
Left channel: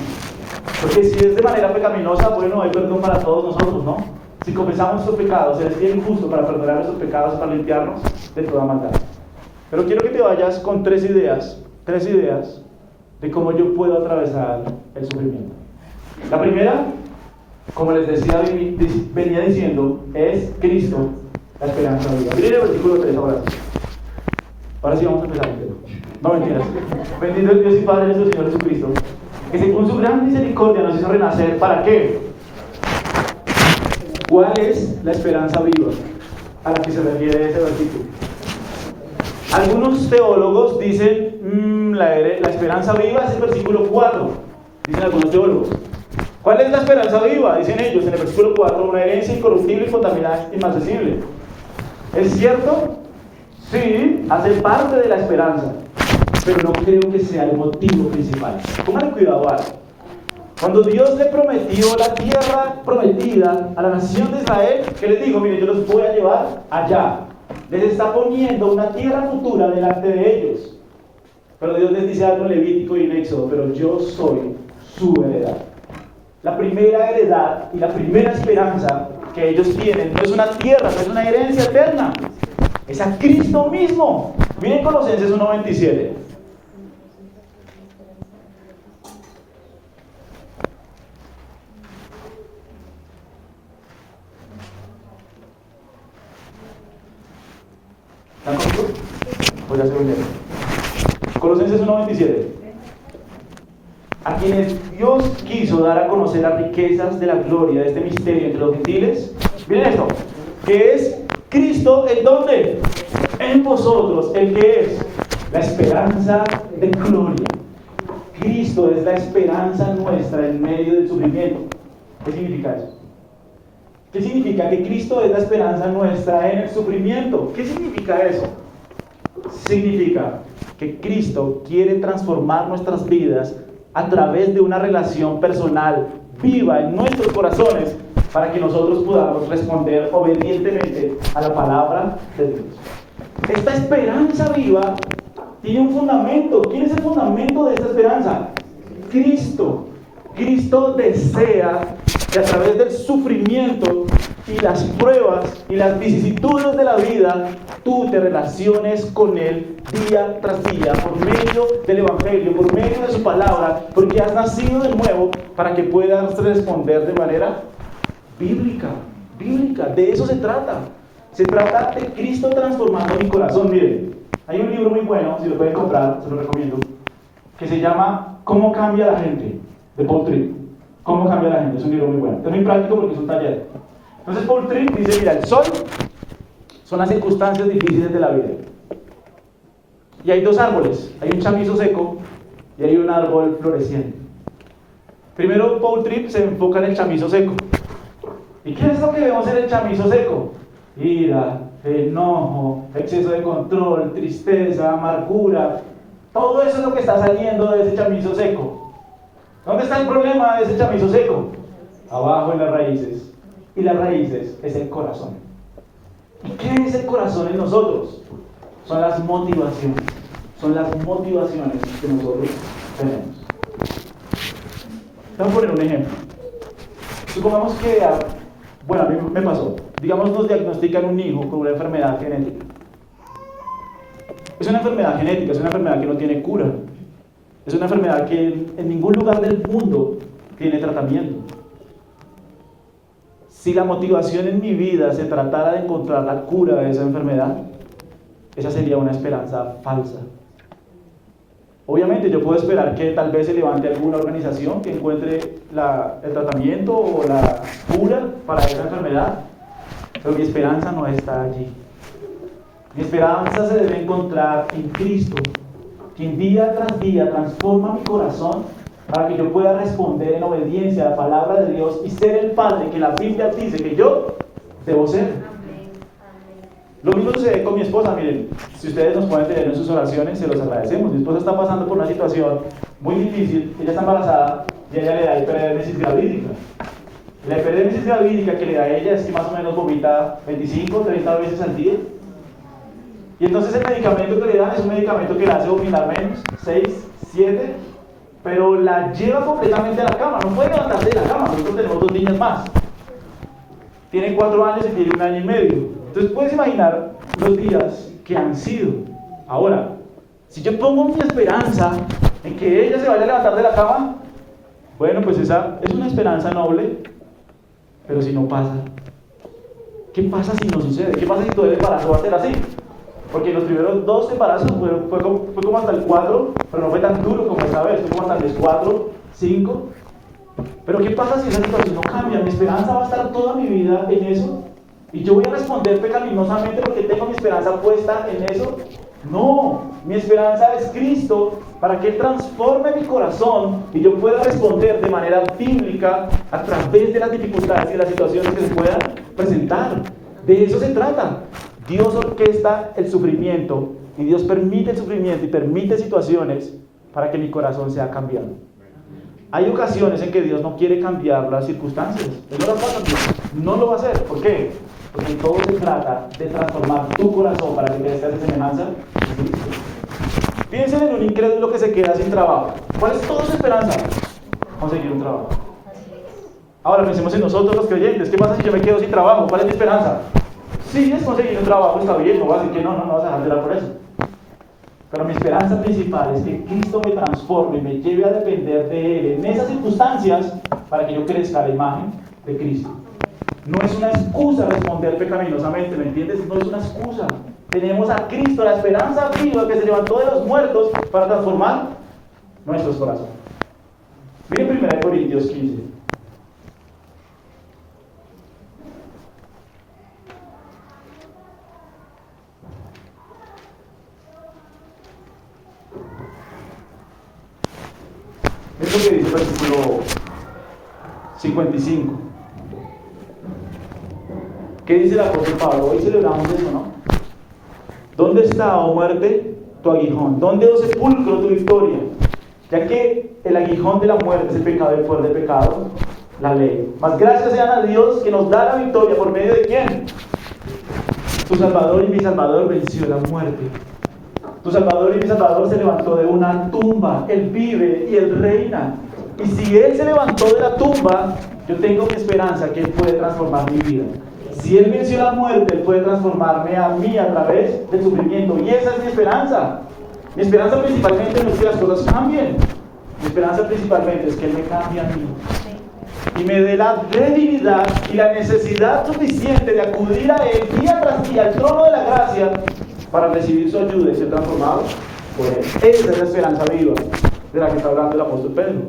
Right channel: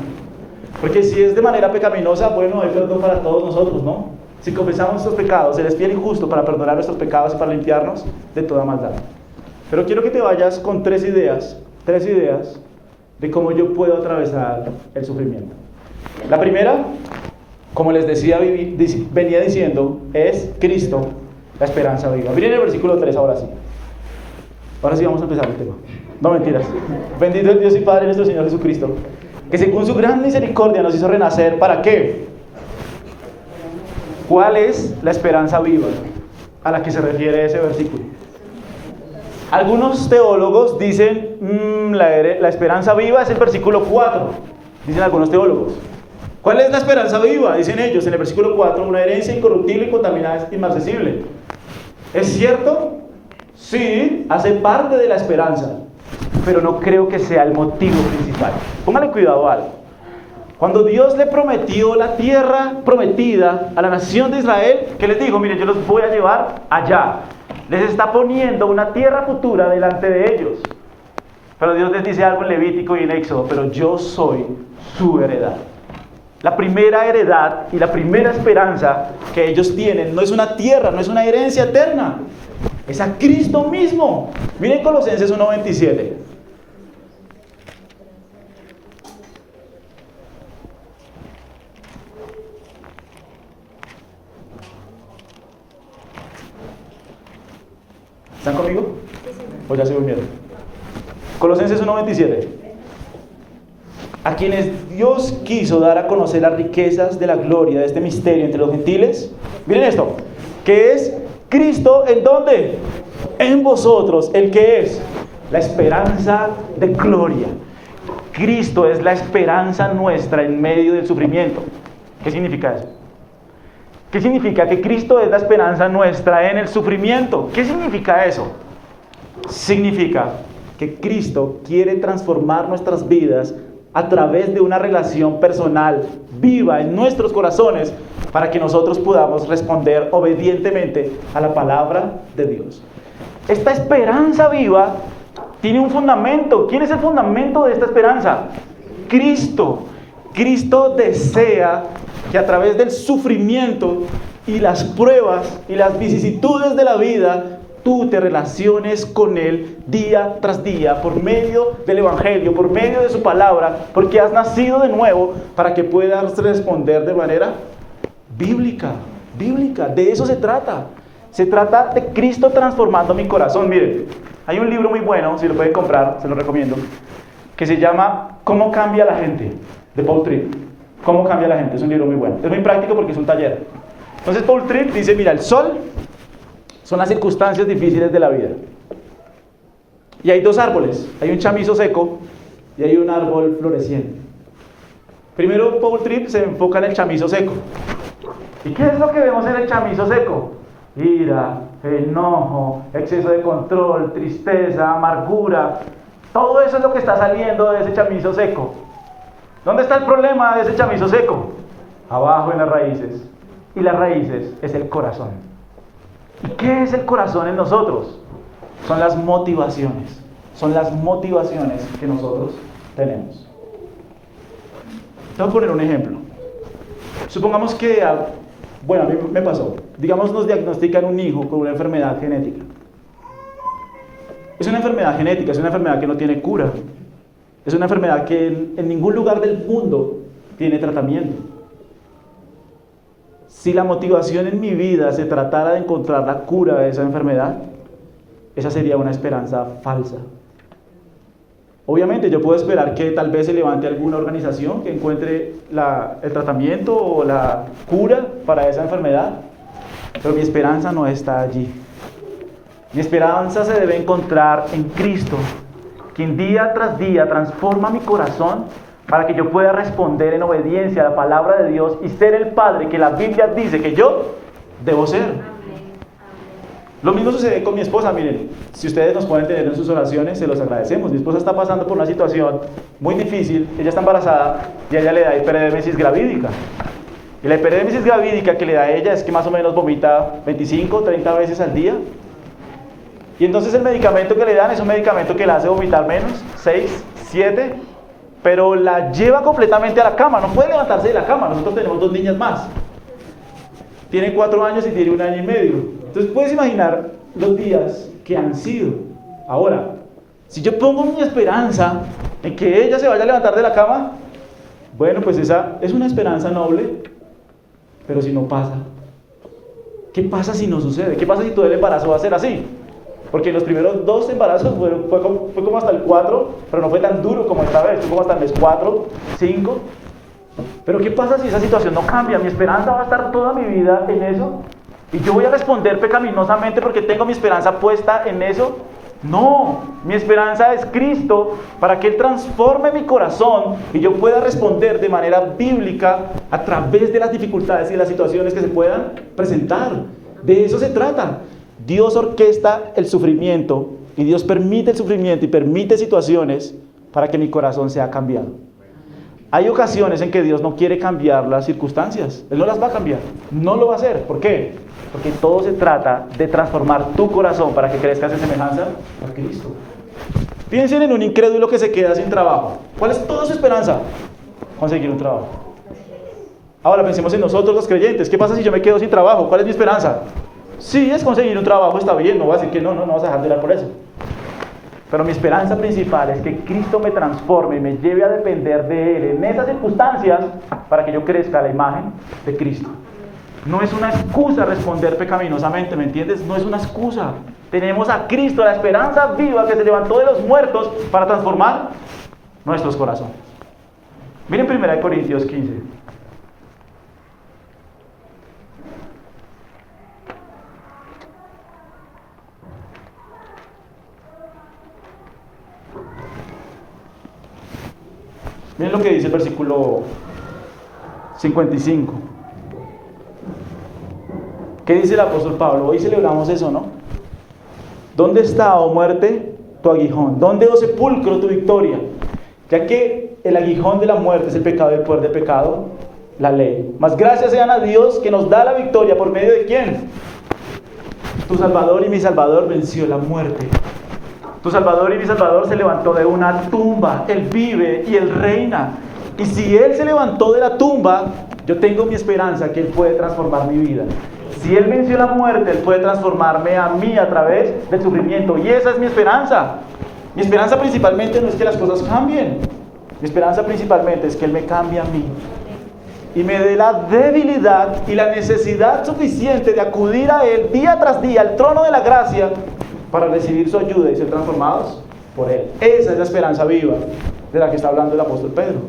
Porque si es de manera pecaminosa, bueno, hay perdón para todos nosotros, ¿no? Si confesamos nuestros pecados, el Espíritu justo para perdonar nuestros pecados y para limpiarnos de toda maldad. Pero quiero que te vayas con tres ideas de cómo yo puedo atravesar el sufrimiento. La primera, como les decía, venía diciendo, es Cristo, la esperanza viva. Miren el versículo 3 ahora sí. Ahora sí vamos a empezar el tema. No mentiras. Bendito el Dios y Padre nuestro Señor Jesucristo, que según su gran misericordia nos hizo renacer. ¿Para qué? ¿Cuál es la esperanza viva a la que se refiere ese versículo? Algunos teólogos dicen, la esperanza viva es el versículo 4, dicen algunos teólogos. ¿Cuál es la esperanza viva? Dicen ellos en el versículo 4, una herencia incorruptible, incontaminada, inmarcesible. ¿Es cierto? Sí, hace parte de la esperanza, pero no creo que sea el motivo principal. Pónganle cuidado a algo. Cuando Dios le prometió la tierra prometida a la nación de Israel, ¿qué les dijo? Miren, yo los voy a llevar allá. Les está poniendo una tierra futura delante de ellos. Pero Dios les dice algo en Levítico y en Éxodo, pero yo soy su heredad. La primera heredad y la primera esperanza que ellos tienen no es una tierra, no es una herencia eterna. Es a Cristo mismo. Miren Colosenses 1:27. ¿Están conmigo? Pues ya se durmieron. Colosenses 1:27. A quienes Dios quiso dar a conocer las riquezas de la gloria de este misterio entre los gentiles. Miren esto, que es Cristo, ¿en dónde? En vosotros, el que es la esperanza de gloria. Cristo es la esperanza nuestra en medio del sufrimiento. ¿Qué significa eso? ¿Qué significa que Cristo es la esperanza nuestra en el sufrimiento? ¿Qué significa eso? Significa que Cristo quiere transformar nuestras vidas a través de una relación personal viva en nuestros corazones para que nosotros podamos responder obedientemente a la palabra de Dios. Esta esperanza viva tiene un fundamento. ¿Quién es el fundamento de esta esperanza? Cristo. Cristo desea que a través del sufrimiento y las pruebas y las vicisitudes de la vida, tú te relaciones con Él día tras día, por medio del Evangelio, por medio de su palabra, porque has nacido de nuevo para que puedas responder de manera bíblica. De eso se trata. Se trata de Cristo transformando mi corazón. Miren, hay un libro muy bueno, si lo pueden comprar, se lo recomiendo, que se llama ¿Cómo cambia la gente?, de Paul Tripp. ¿Cómo cambia la gente? Es un libro muy bueno. Es muy práctico porque es un taller. Entonces Paul Tripp dice, mira, el sol son las circunstancias difíciles de la vida. Y hay dos árboles. Hay un chamizo seco y hay un árbol floreciente. Primero Paul Tripp se enfoca en el chamizo seco. ¿Y qué es lo que vemos en el chamizo seco? Ira, enojo, exceso de control, tristeza, amargura. Todo eso es lo que está saliendo de ese chamizo seco. ¿Dónde está el problema de ese chamizo seco? Abajo en las raíces. Y las raíces es el corazón. ¿Y qué es el corazón en nosotros? Son las motivaciones. Son las motivaciones que nosotros tenemos. Te voy a poner un ejemplo. Supongamos que, a mí me pasó. Digamos, nos diagnostican un hijo con una enfermedad genética. Es una enfermedad genética, es una enfermedad que no tiene cura. Es una enfermedad que en ningún lugar del mundo tiene tratamiento. Si la motivación en mi vida se tratara de encontrar la cura de esa enfermedad, esa sería una esperanza falsa. Obviamente yo puedo esperar que tal vez se levante alguna organización que encuentre el tratamiento o la cura para esa enfermedad, pero mi esperanza no está allí. Mi esperanza se debe encontrar en Cristo, quien día tras día transforma mi corazón para que yo pueda responder en obediencia a la palabra de Dios y ser el padre que la Biblia dice que yo debo ser. Lo mismo sucede con mi esposa. Miren, si ustedes nos pueden tener en sus oraciones, se los agradecemos. Mi esposa está pasando por una situación muy difícil. Ella está embarazada y a ella le da hiperemesis gravídica. Y la hiperemesis gravídica que le da a ella es que más o menos vomita 25 o 30 veces al día. Y entonces el medicamento que le dan es un medicamento que la hace vomitar menos, 6, 7, pero la lleva completamente a la cama. No puede levantarse de la cama. Nosotros tenemos 2 niñas más. Tiene 4 años y tiene 1 año y medio. Entonces puedes imaginar los días que han sido. Ahora, si yo pongo mi esperanza en que ella se vaya a levantar de la cama, bueno, pues esa es una esperanza noble, pero si no pasa, ¿qué pasa si no sucede? ¿Qué pasa si todo el embarazo va a ser así? Porque los primeros 2 embarazos fue como hasta el 4, pero no fue tan duro como esta vez, fue como hasta el 4, 5. Pero ¿qué pasa si esa situación no cambia? Mi esperanza va a estar toda mi vida en eso. Y yo voy a responder pecaminosamente porque tengo mi esperanza puesta en eso. No, mi esperanza es Cristo para que Él transforme mi corazón y yo pueda responder de manera bíblica a través de las dificultades y las situaciones que se puedan presentar. De eso se trata. Dios orquesta el sufrimiento y Dios permite el sufrimiento y permite situaciones para que mi corazón sea cambiado. Hay ocasiones en que Dios no quiere cambiar las circunstancias. Él no las va a cambiar. No lo va a hacer. ¿Por qué? Porque todo se trata de transformar tu corazón para que crezcas en semejanza a Cristo. Piensen en un incrédulo que se queda sin trabajo. ¿Cuál es toda su esperanza? Conseguir un trabajo. Ahora pensemos en nosotros los creyentes. ¿Qué pasa si yo me quedo sin trabajo? ¿Cuál es mi esperanza? Sí, es conseguir un trabajo, está bien. No voy a decir que no vas a dejar de orar por eso. Pero mi esperanza principal es que Cristo me transforme y me lleve a depender de Él en esas circunstancias para que yo crezca a la imagen de Cristo. No es una excusa responder pecaminosamente, ¿me entiendes? No es una excusa. Tenemos a Cristo, la esperanza viva que se levantó de los muertos para transformar nuestros corazones. Miren 1 Corintios 15. Miren lo que dice el versículo 55. ¿Qué dice el apóstol Pablo? Hoy celebramos eso, ¿no? ¿Dónde está, oh muerte, tu aguijón? ¿Dónde, oh sepulcro, tu victoria? Ya que el aguijón de la muerte es el pecado y el poder del pecado, la ley. Mas gracias sean a Dios que nos da la victoria. ¿Por medio de quién? Tu Salvador y mi Salvador venció la muerte. Tu Salvador y mi Salvador se levantó de una tumba. Él vive y Él reina. Y si Él se levantó de la tumba, yo tengo mi esperanza que Él puede transformar mi vida. Si Él venció la muerte, Él puede transformarme a mí a través del sufrimiento. Y esa es mi esperanza. Mi esperanza principalmente no es que las cosas cambien. Mi esperanza principalmente es que Él me cambie a mí. Y me dé la debilidad y la necesidad suficiente de acudir a Él día tras día, al trono de la gracia, para recibir su ayuda y ser transformado por Él. Esa es la esperanza viva de la que está hablando el apóstol Pedro.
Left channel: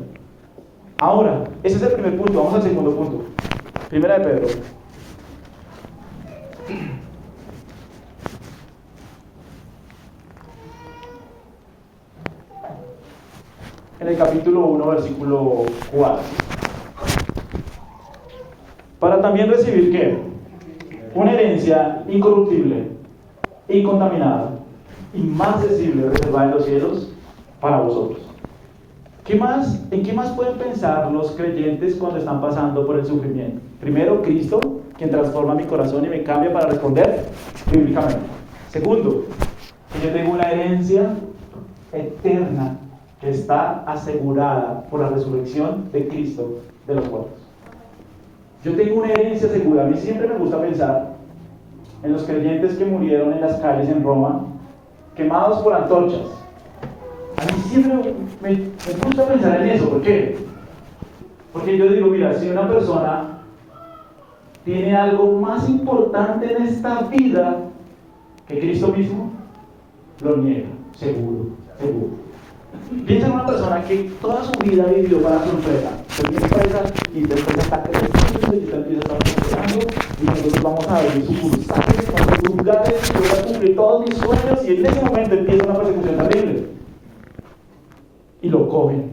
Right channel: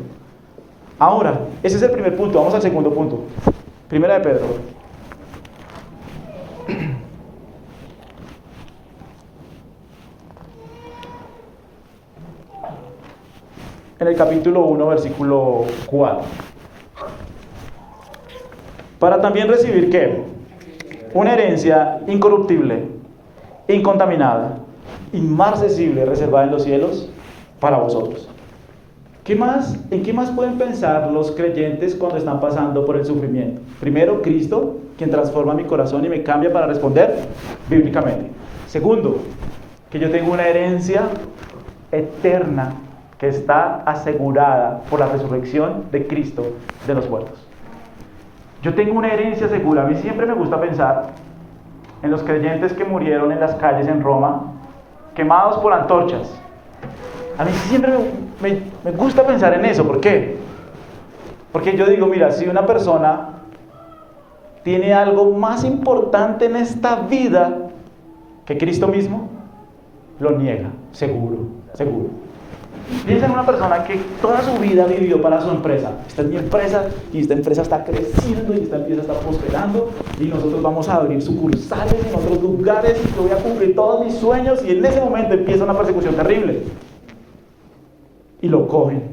Ahora, ese es el primer punto. Vamos al segundo punto. Primera de Pedro. En el capítulo 1, versículo 4. Para también recibir, ¿qué? Una herencia incorruptible, incontaminada, inmarcesible, reservada en los cielos para vosotros. ¿Qué más? ¿En qué más pueden pensar los creyentes cuando están pasando por el sufrimiento? Primero, Cristo, quien transforma mi corazón y me cambia para responder bíblicamente. Segundo, que yo tengo una herencia eterna que está asegurada por la resurrección de Cristo de los muertos. Yo tengo una herencia segura. A mí siempre me gusta pensar en los creyentes que murieron en las calles en Roma, quemados por antorchas. A mí siempre me gusta pensar en eso. ¿Por qué? Porque yo digo, mira, si una persona tiene algo más importante en esta vida que Cristo mismo, lo niega, seguro. Piensa en una persona que toda su vida vivió para su empresa. Esta es mi empresa y esta empresa está creciendo y esta empresa está prosperando y nosotros vamos a abrir sucursales en otros lugares y voy a cumplir todos mis sueños, y en ese momento empieza una persecución terrible y lo cogen.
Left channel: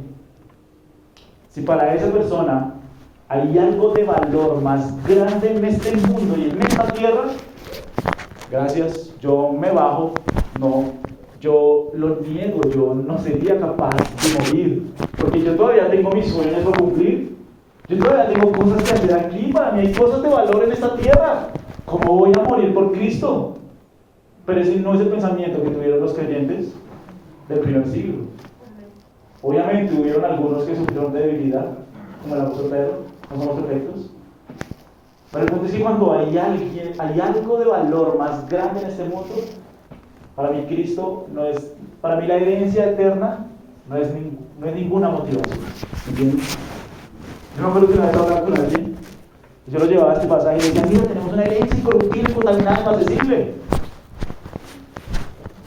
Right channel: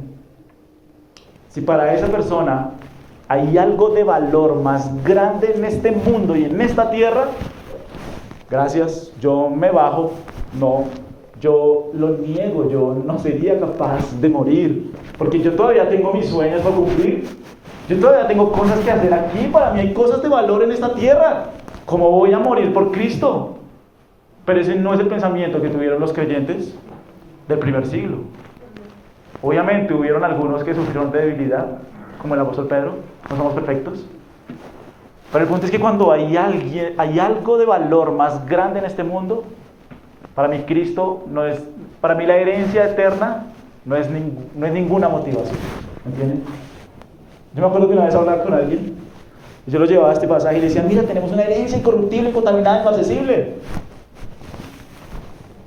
Si para esa persona hay algo de valor más grande en este mundo y en esta tierra, gracias, yo me bajo, yo lo niego, yo no sería capaz de morir, porque yo todavía tengo mis sueños por cumplir, yo todavía tengo cosas que hacer aquí, para mí hay cosas de valor en esta tierra. ¿Cómo voy a morir por Cristo? Pero ese no es el pensamiento que tuvieron los creyentes del primer siglo. Obviamente hubieron algunos que sufrieron de debilidad, como el apóstol Pedro, no somos perfectos. Pero el punto es que cuando hay algo de valor más grande en este mundo, para mí Cristo no es, para mí la herencia eterna no es ninguna motivación. ¿Entiendes? Yo me acuerdo que una vez hablaba con alguien, y yo lo llevaba a este pasaje y decía, mira, tenemos una herencia incorruptible, contaminada, inaccesible.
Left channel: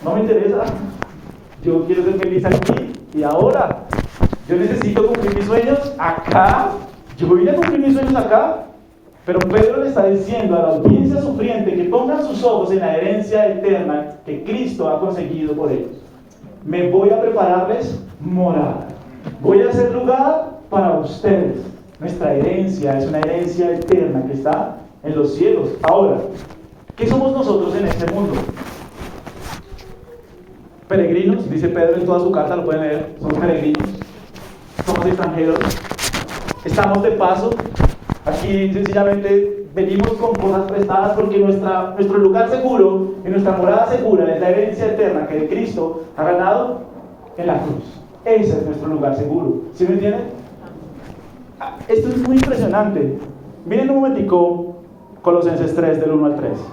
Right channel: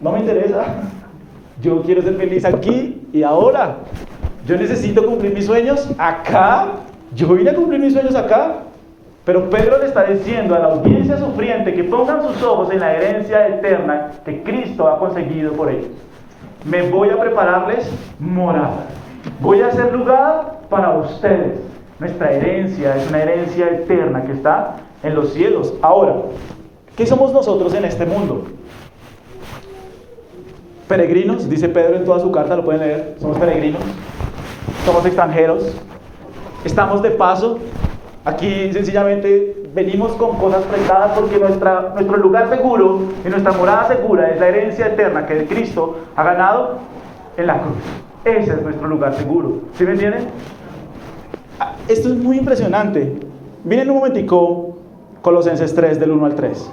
No me interesa. Yo quiero ser feliz aquí y ahora. Yo necesito cumplir mis sueños acá. Yo vine a cumplir mis sueños acá. Pero Pedro le está diciendo a la audiencia sufriente que pongan sus ojos en la herencia eterna que Cristo ha conseguido por ellos. Me voy a prepararles morada. Voy a hacer lugar para ustedes. Nuestra herencia es una herencia eterna que está en los cielos. Ahora, ¿qué somos nosotros en este mundo? Peregrinos, dice Pedro en toda su carta, lo pueden leer. Somos peregrinos, somos extranjeros, estamos de paso. Aquí sencillamente venimos con cosas prestadas porque nuestro lugar seguro y nuestra morada segura es la herencia eterna que Cristo ha ganado en la cruz. Ese es nuestro lugar seguro. ¿Sí me entienden? Esto es muy impresionante. Miren un momentico Colosenses 3 del 1 al 3.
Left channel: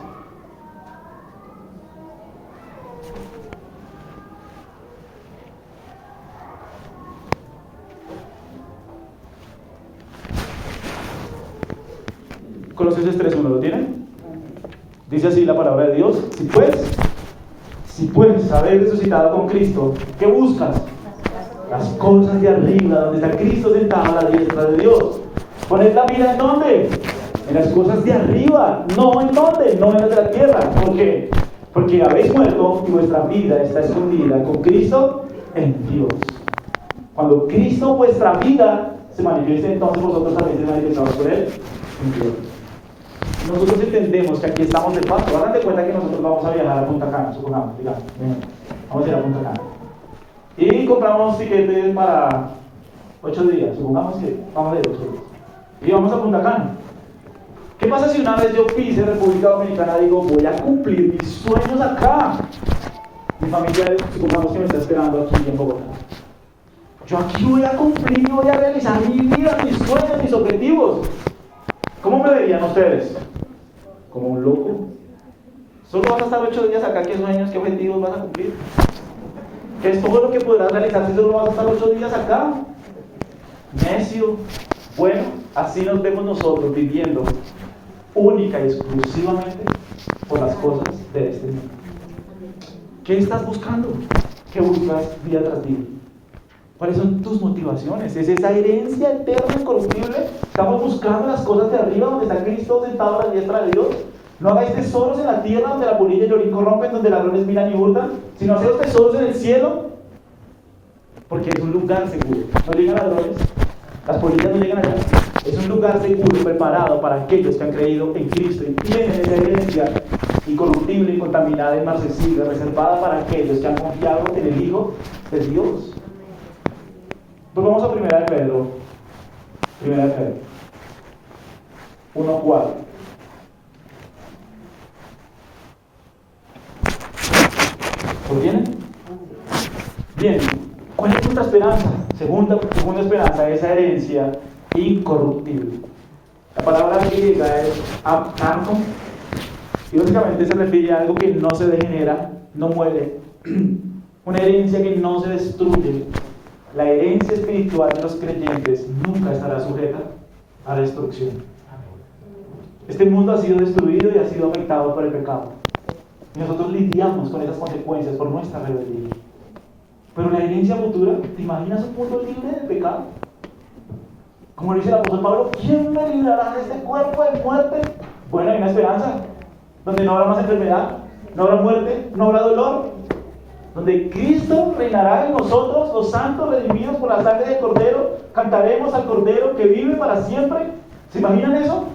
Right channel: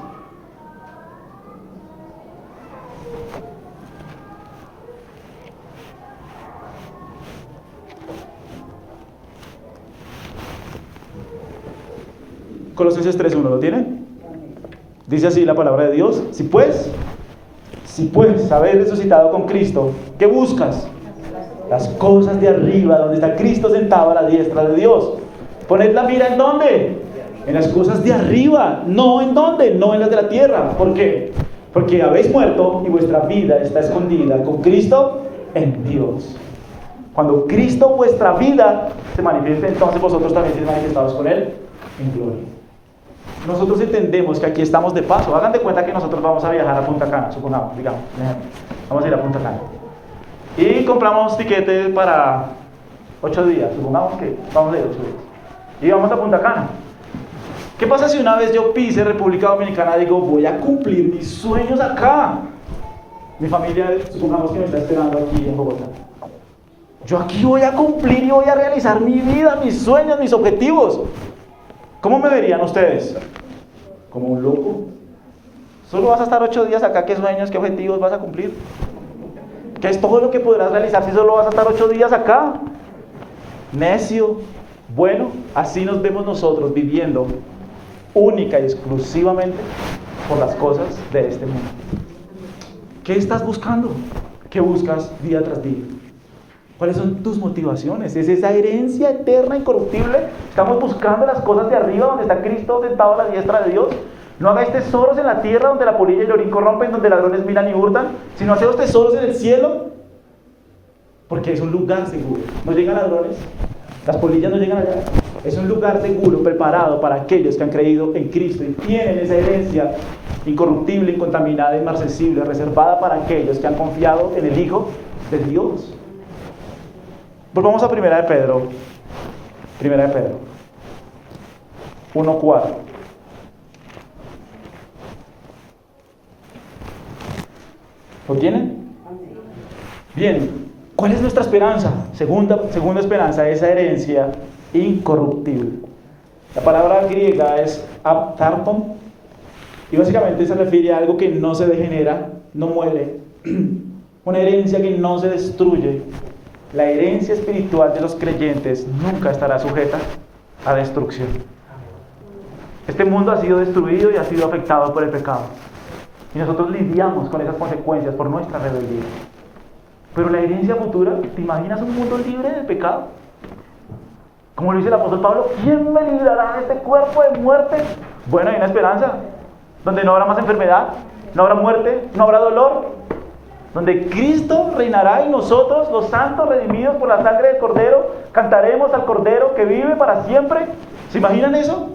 Colosenses 3:1, ¿lo tienen? Dice así la palabra de Dios: si pues haber resucitado con Cristo, ¿qué buscas? Las cosas de arriba, donde está Cristo sentado a la diestra de Dios. Poned la mira ¿en dónde? En las cosas de arriba, no en dónde, no en las de la tierra. ¿Por qué? Porque habéis muerto y vuestra vida está escondida con Cristo en Dios. Cuando Cristo, vuestra vida, se manifieste, entonces vosotros también seréis manifestados con Él en Dios. Nosotros entendemos que aquí estamos de paso. Hagan de cuenta que nosotros vamos a viajar a Punta Cana, supongamos, digamos, vamos a ir a Punta Cana y compramos tiquetes para 8 días, supongamos que vamos a ir 8 días y vamos a Punta Cana. ¿Qué pasa si una vez yo pise República Dominicana y digo, voy a cumplir mis sueños acá? Mi familia, supongamos que me está esperando aquí en Bogotá. Yo aquí voy a cumplir y voy a realizar mi vida, mis sueños, mis objetivos. ¿Cómo me verían ustedes? ¿Como un loco? ¿Solo vas a estar 8 días acá? ¿Qué sueños, qué objetivos vas a cumplir? ¿Qué es todo lo que podrás realizar si solo vas a estar 8 días acá? Necio. Bueno, así nos vemos nosotros viviendo única y exclusivamente por las cosas de este mundo. ¿Qué estás buscando? ¿Qué buscas día tras día? ¿Cuáles son tus motivaciones? ¿Es esa herencia eterna, incorruptible? ¿Estamos buscando las cosas de arriba donde está Cristo sentado a la diestra de Dios? No hagáis tesoros en la tierra donde la polilla y el orín corrompen, donde ladrones miran y hurtan, sino haced tesoros en el cielo, porque es un lugar seguro. No llegan ladrones, las polillas no llegan allá. Es un lugar seguro, preparado para aquellos que han creído en Cristo y tienen esa herencia incorruptible, incontaminada, inmarcesible, reservada para aquellos que han confiado en el Hijo de Dios. Volvamos a Primera de Pedro 1:4. ¿Lo tienen? Bien, ¿cuál es nuestra esperanza? Segunda esperanza, esa herencia incorruptible. La palabra griega es aptarton y básicamente se refiere a algo que no se degenera, no muere, una herencia que no se destruye. La herencia espiritual de los creyentes nunca estará sujeta a destrucción. Este mundo ha sido destruido y ha sido afectado por el pecado. Y nosotros lidiamos con esas consecuencias por nuestra rebeldía. Pero la herencia futura, ¿te imaginas un mundo libre del pecado? Como lo dice el apóstol Pablo, ¿quién me librará de este cuerpo de muerte? Bueno, hay una esperanza, donde no habrá más enfermedad, no habrá muerte, no habrá dolor, donde Cristo reinará en nosotros, los santos redimidos por la sangre del Cordero, cantaremos al Cordero que vive para siempre. ¿Se imaginan eso?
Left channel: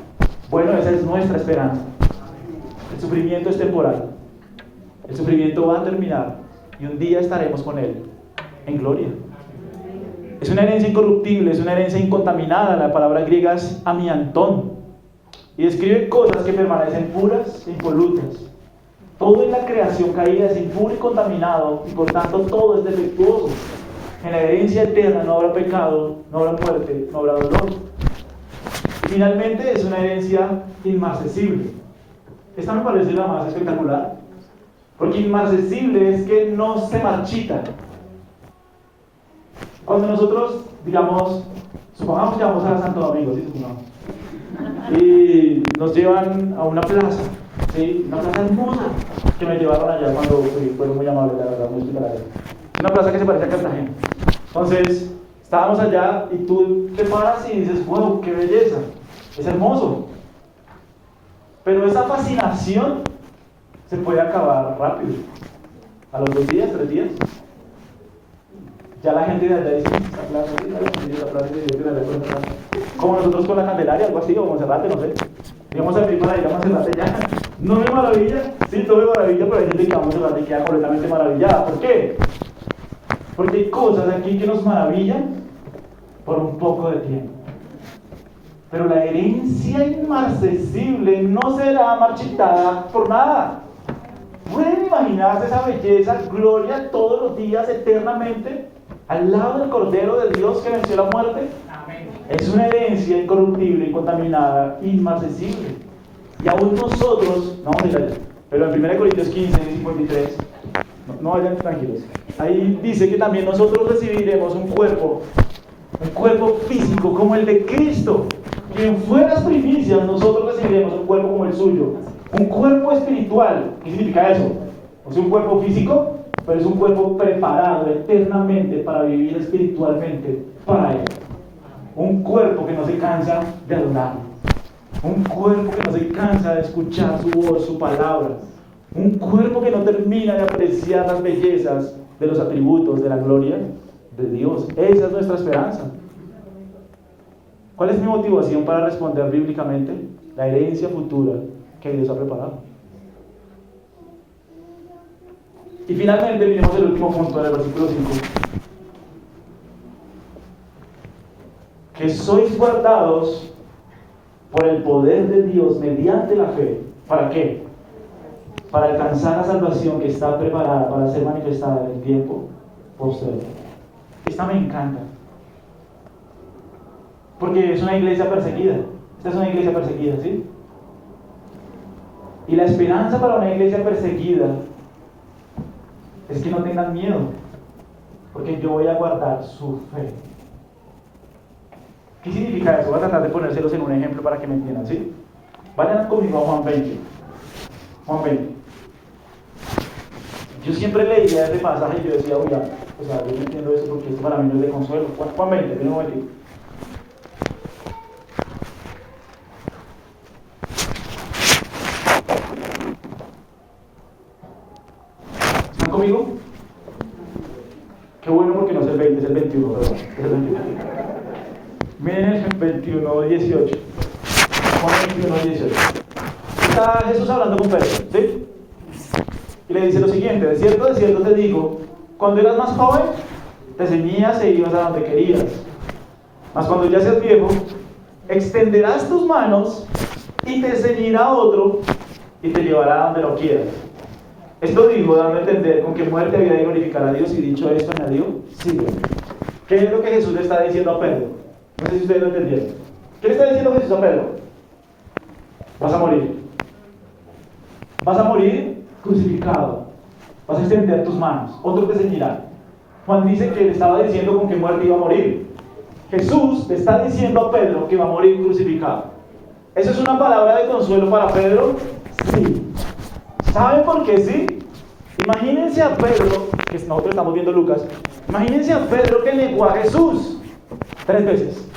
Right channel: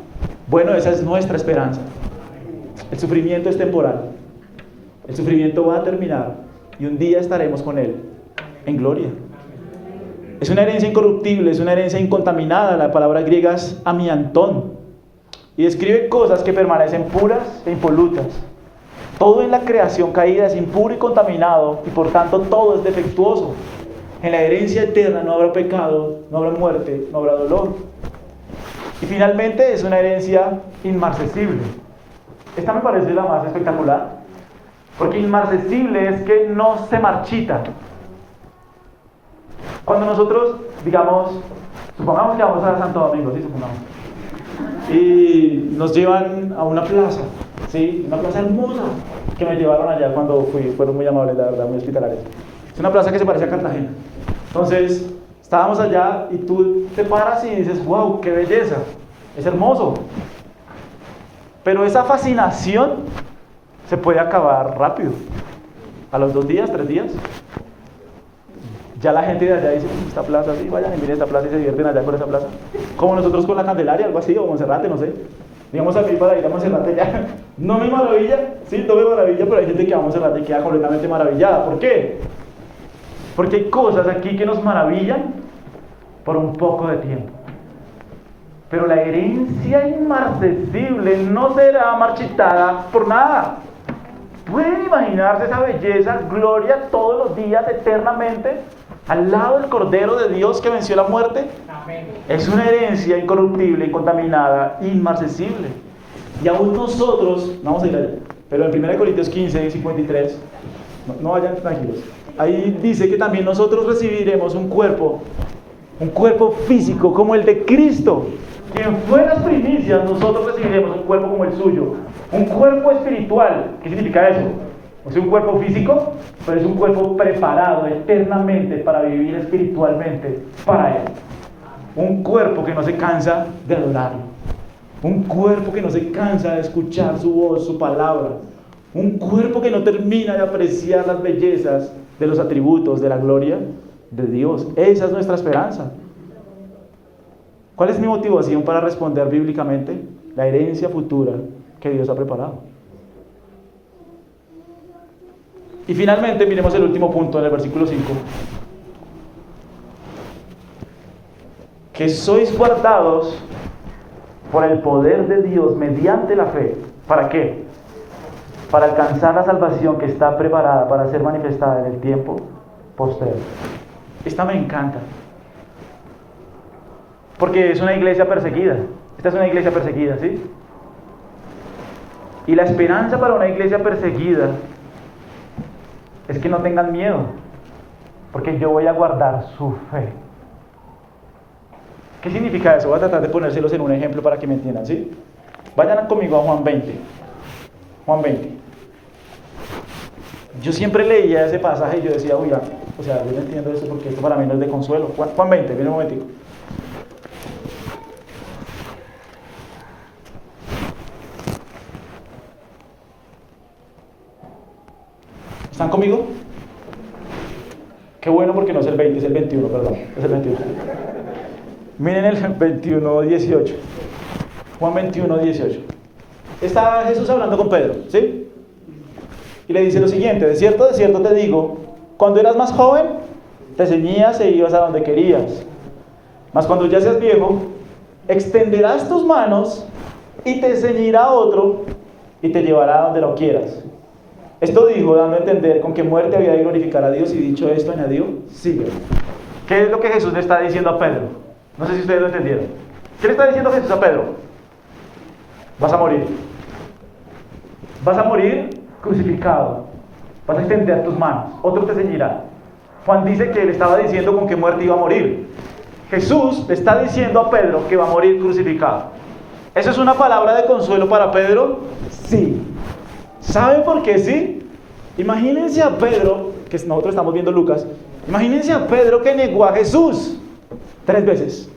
Bueno, esa es nuestra esperanza. El sufrimiento es temporal, el sufrimiento va a terminar y un día estaremos con Él en gloria. Es una herencia incorruptible, es una herencia incontaminada. La palabra griega es amiantón y describe cosas que permanecen puras e impolutas. Todo en la creación caída es impuro y contaminado y por tanto todo es defectuoso. En la herencia eterna no habrá pecado, no habrá muerte, no habrá dolor. Y finalmente es una herencia inmarcesible. Esta me parece la más espectacular, porque inmarcesible es que no se marchita. Cuando nosotros, digamos, supongamos que vamos a Santo Domingo, ¿sí? Supongamos, y nos llevan a una plaza, ¿sí? Una plaza hermosa, que me llevaron allá cuando fui, fueron muy amables, la verdad, muy hospitalarios. Una plaza que se parece a Cartagena. Entonces, estábamos allá y tú te paras y dices, wow, qué belleza, es hermoso. Pero esa fascinación se puede acabar rápido. A los 2 días, 3 días. Ya la gente de allá dice, esta plaza, sí, vayan a mirar esa plaza y se divierten allá por esa plaza. Como nosotros con la Candelaria, algo así, o Monserrate, no sé. Digamos a mí para ir a Monserrate ya. No me maravilla, sí, todo me maravilla, pero hay gente que va a Monserrate y queda completamente maravillada. ¿Por qué? Porque hay cosas aquí que nos maravillan por un poco de tiempo. Pero la herencia inmarcesible no será marchitada por nada. ¿Pueden imaginarse esa belleza, gloria todos los días, eternamente, al lado del Cordero de Dios que venció la muerte? Amén. Es una herencia incorruptible, incontaminada, inmarcesible. Y aún nosotros, vamos a ir allá, pero en 1 Corintios 15, 53, no vayan tranquilos. Ahí dice que también nosotros recibiremos un cuerpo físico como el de Cristo. Y en buenas primicias nosotros recibiremos un cuerpo como el suyo. Un cuerpo espiritual. ¿Qué significa eso? No es un cuerpo físico, pero es un cuerpo preparado eternamente para vivir espiritualmente para Él. Un cuerpo que no se cansa de adorarlo. Un cuerpo que no se cansa de escuchar su voz, su palabra. Un cuerpo que no termina de apreciar las bellezas de los atributos de la gloria de Dios. Esa es nuestra esperanza. ¿Cuál es mi motivación para responder bíblicamente? La herencia futura que Dios ha preparado. Y finalmente miremos el último punto en el versículo 5. Que sois guardados por el poder de Dios mediante la fe. ¿Para qué? Para alcanzar la salvación que está preparada para ser manifestada en el tiempo posterior. Esta me encanta. Porque es una iglesia perseguida. Esta es una iglesia perseguida, ¿sí? Y la esperanza para una iglesia perseguida es que no tengan miedo, porque yo voy a guardar su fe. ¿Qué significa eso? Voy a tratar de ponérselos en un ejemplo para que me entiendan, ¿sí? Vayan conmigo a Juan 20. Juan 20. Yo siempre leía ese pasaje y yo decía, oiga, o sea, yo no entiendo eso porque esto para mí no es de consuelo. Juan 20, miren un momentito. ¿Están conmigo? Qué bueno porque no es el 20, es el 21, perdón. Es el 21. Miren el 21, 18. Juan 21, 18. Está Jesús hablando con Pedro, ¿sí? Y le dice lo siguiente: de cierto te digo, cuando eras más joven, te ceñías e ibas a donde querías. Mas cuando ya seas viejo, extenderás tus manos y te ceñirá otro y te llevará a donde lo quieras. Esto dijo dando a entender con qué muerte había de glorificar a Dios, y dicho esto añadió, sígueme. ¿Qué es lo que Jesús le está diciendo a Pedro? No sé si ustedes lo entendieron. ¿Qué le está diciendo Jesús a Pedro? Vas a morir. Vas a morir crucificado. Vas a extender tus manos. Otro te ceñirá. Juan dice que le estaba diciendo con qué muerte iba a morir. Jesús le está diciendo a Pedro que va a morir crucificado. ¿Eso es una palabra de consuelo para Pedro? Sí. ¿Saben por qué sí? Imagínense a Pedro, que nosotros estamos viendo Lucas, imagínense a Pedro que negó a Jesús 3 veces.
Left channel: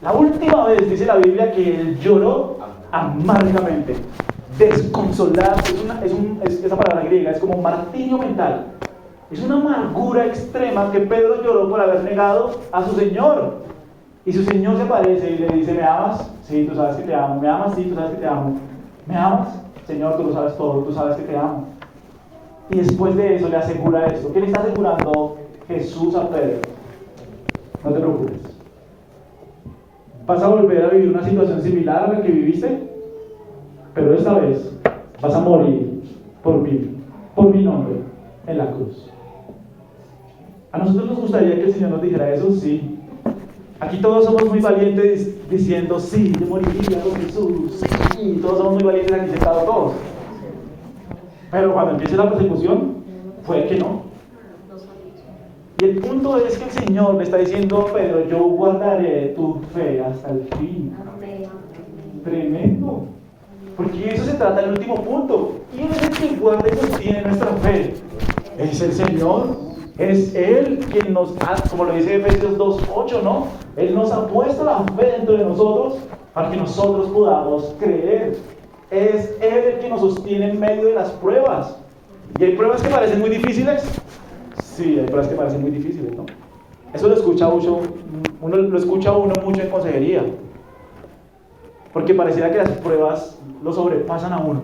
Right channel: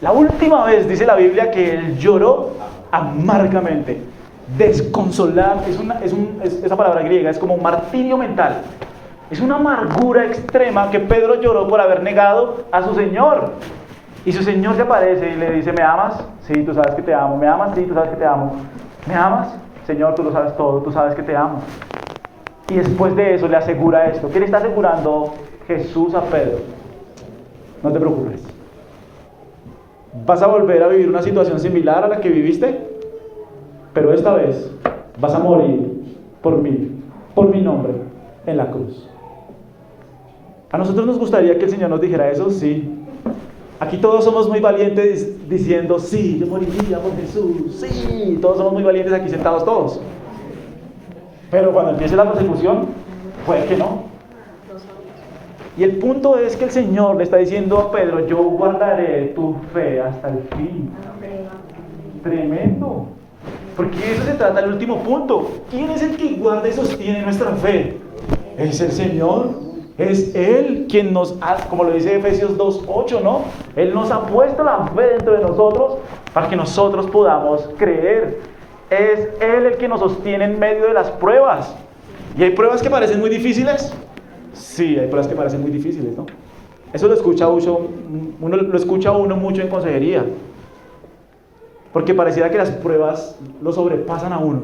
La última vez dice la Biblia que él lloró amargamente, desconsolado. Esa palabra griega es como martirio mental. Es una amargura extrema que Pedro lloró por haber negado a su Señor. Y su Señor se aparece y le dice: ¿me amas? Sí, tú sabes que te amo. ¿Me amas? Sí, tú sabes que te amo. ¿Me amas? Señor, tú lo sabes todo, tú sabes que te amo. Y después de eso le asegura esto. ¿Qué le está asegurando Jesús a Pedro? No te preocupes. Vas a volver a vivir una situación similar a la que viviste, pero esta vez vas a morir por mí, por mi nombre, en la cruz. A nosotros nos gustaría que el Señor nos dijera eso, sí. Aquí todos somos muy valientes diciendo, sí, yo moriría por Jesús, sí, todos somos muy valientes aquí sentados todos. Pero cuando empiece la persecución, puede que no. Y el punto es que el Señor le está diciendo a Pedro: yo guardaré tu fe hasta el fin. Tremendo. Porque eso se trata del último punto. ¿Quién es el que guarda y sostiene nuestra fe? Es el Señor. Es Él quien nos ha, como lo dice Efesios 2:8, ¿no? Él nos ha puesto la fe dentro de nosotros para que nosotros podamos creer. Es Él el que nos sostiene en medio de las pruebas. ¿Y hay pruebas que parecen muy difíciles? Sí, hay pruebas que parecen muy difíciles, ¿no? Eso lo escucha uno mucho en consejería. Porque pareciera que las pruebas lo sobrepasan a uno.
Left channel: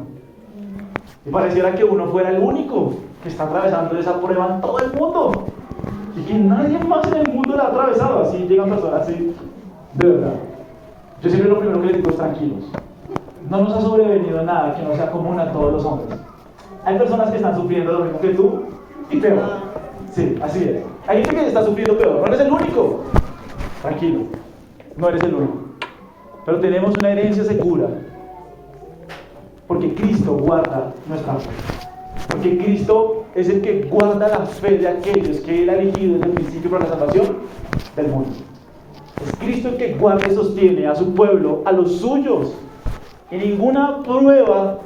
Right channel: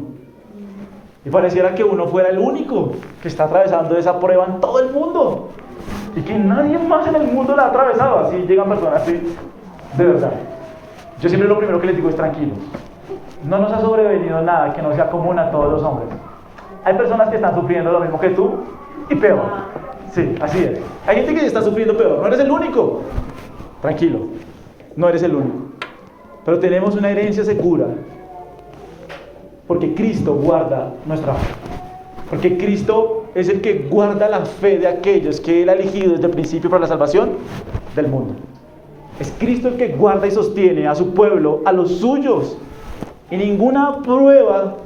Y pareciera que uno fuera el único que está atravesando esa prueba en todo el mundo. Y que nadie más en el mundo la ha atravesado. Así llegan personas así, de verdad. Yo siempre lo primero que les digo es tranquilos. No nos ha sobrevenido nada que no sea común a todos los hombres. Hay personas que están sufriendo lo mismo que tú y peor. Sí, así es. Hay gente que está sufriendo peor. No eres el único. Tranquilo. No eres el único. Pero tenemos una herencia segura. Porque Cristo guarda nuestra fe. Porque Cristo es el que guarda la fe de aquellos que Él ha elegido desde el principio para la salvación del mundo. Es Cristo el que guarda y sostiene a su pueblo, a los suyos. Y ninguna prueba,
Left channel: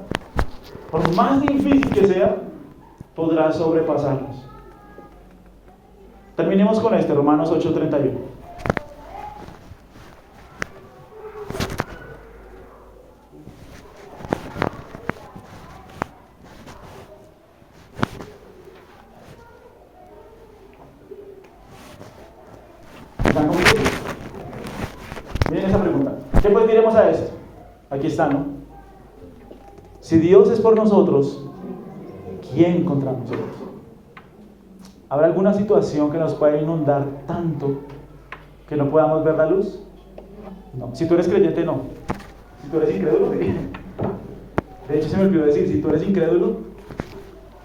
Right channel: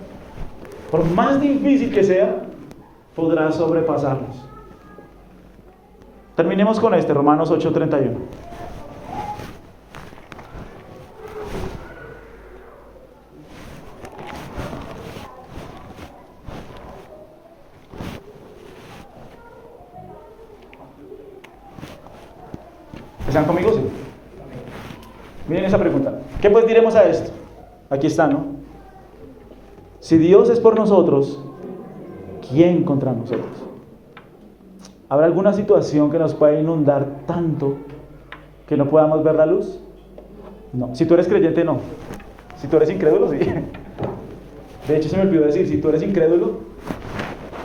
por más difícil que sea, podrá sobrepasarlos. Terminemos con Romanos 8:31. ¿Están conmigo? Miren esa pregunta. ¿Qué pues diremos a esto? Aquí está, ¿no? Si Dios es por nosotros, ¿quién contra nosotros? ¿Habrá alguna situación que nos pueda inundar tanto que no podamos ver la luz? No. Si tú eres creyente, no. Si tú eres incrédulo, sí. De hecho, se me olvidó decir, si tú eres incrédulo,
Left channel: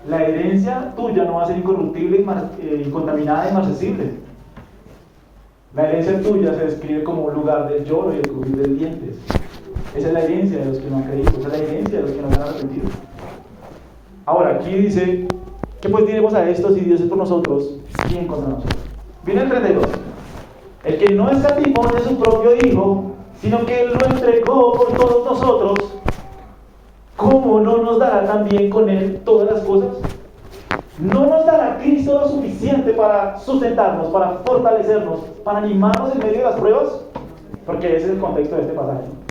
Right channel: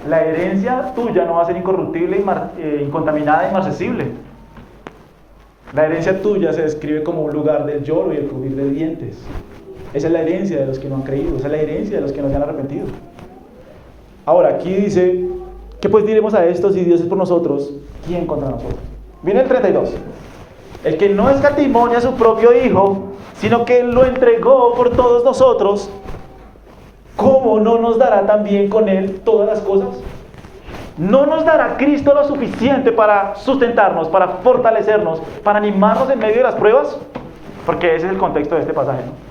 la herencia tuya no va a ser incorruptible, incontaminada e inmarcesible. La herencia tuya se describe como un lugar del lloro y el crujir de dientes. Esa es la herencia de los que no han creído, esa es la herencia de los que no se han arrepentido. Ahora, aquí dice, ¿qué pues diremos a esto? Si Dios es por nosotros, ¿quién contra nosotros? Viene el 32. El que no escatimó a su propio Hijo, sino que lo entregó por todos nosotros, ¿cómo no nos dará también con Él todas las cosas? ¿No nos dará Cristo lo suficiente para sustentarnos, para fortalecernos, para animarnos en medio de las pruebas? Porque ese es el contexto de este pasaje, ¿no?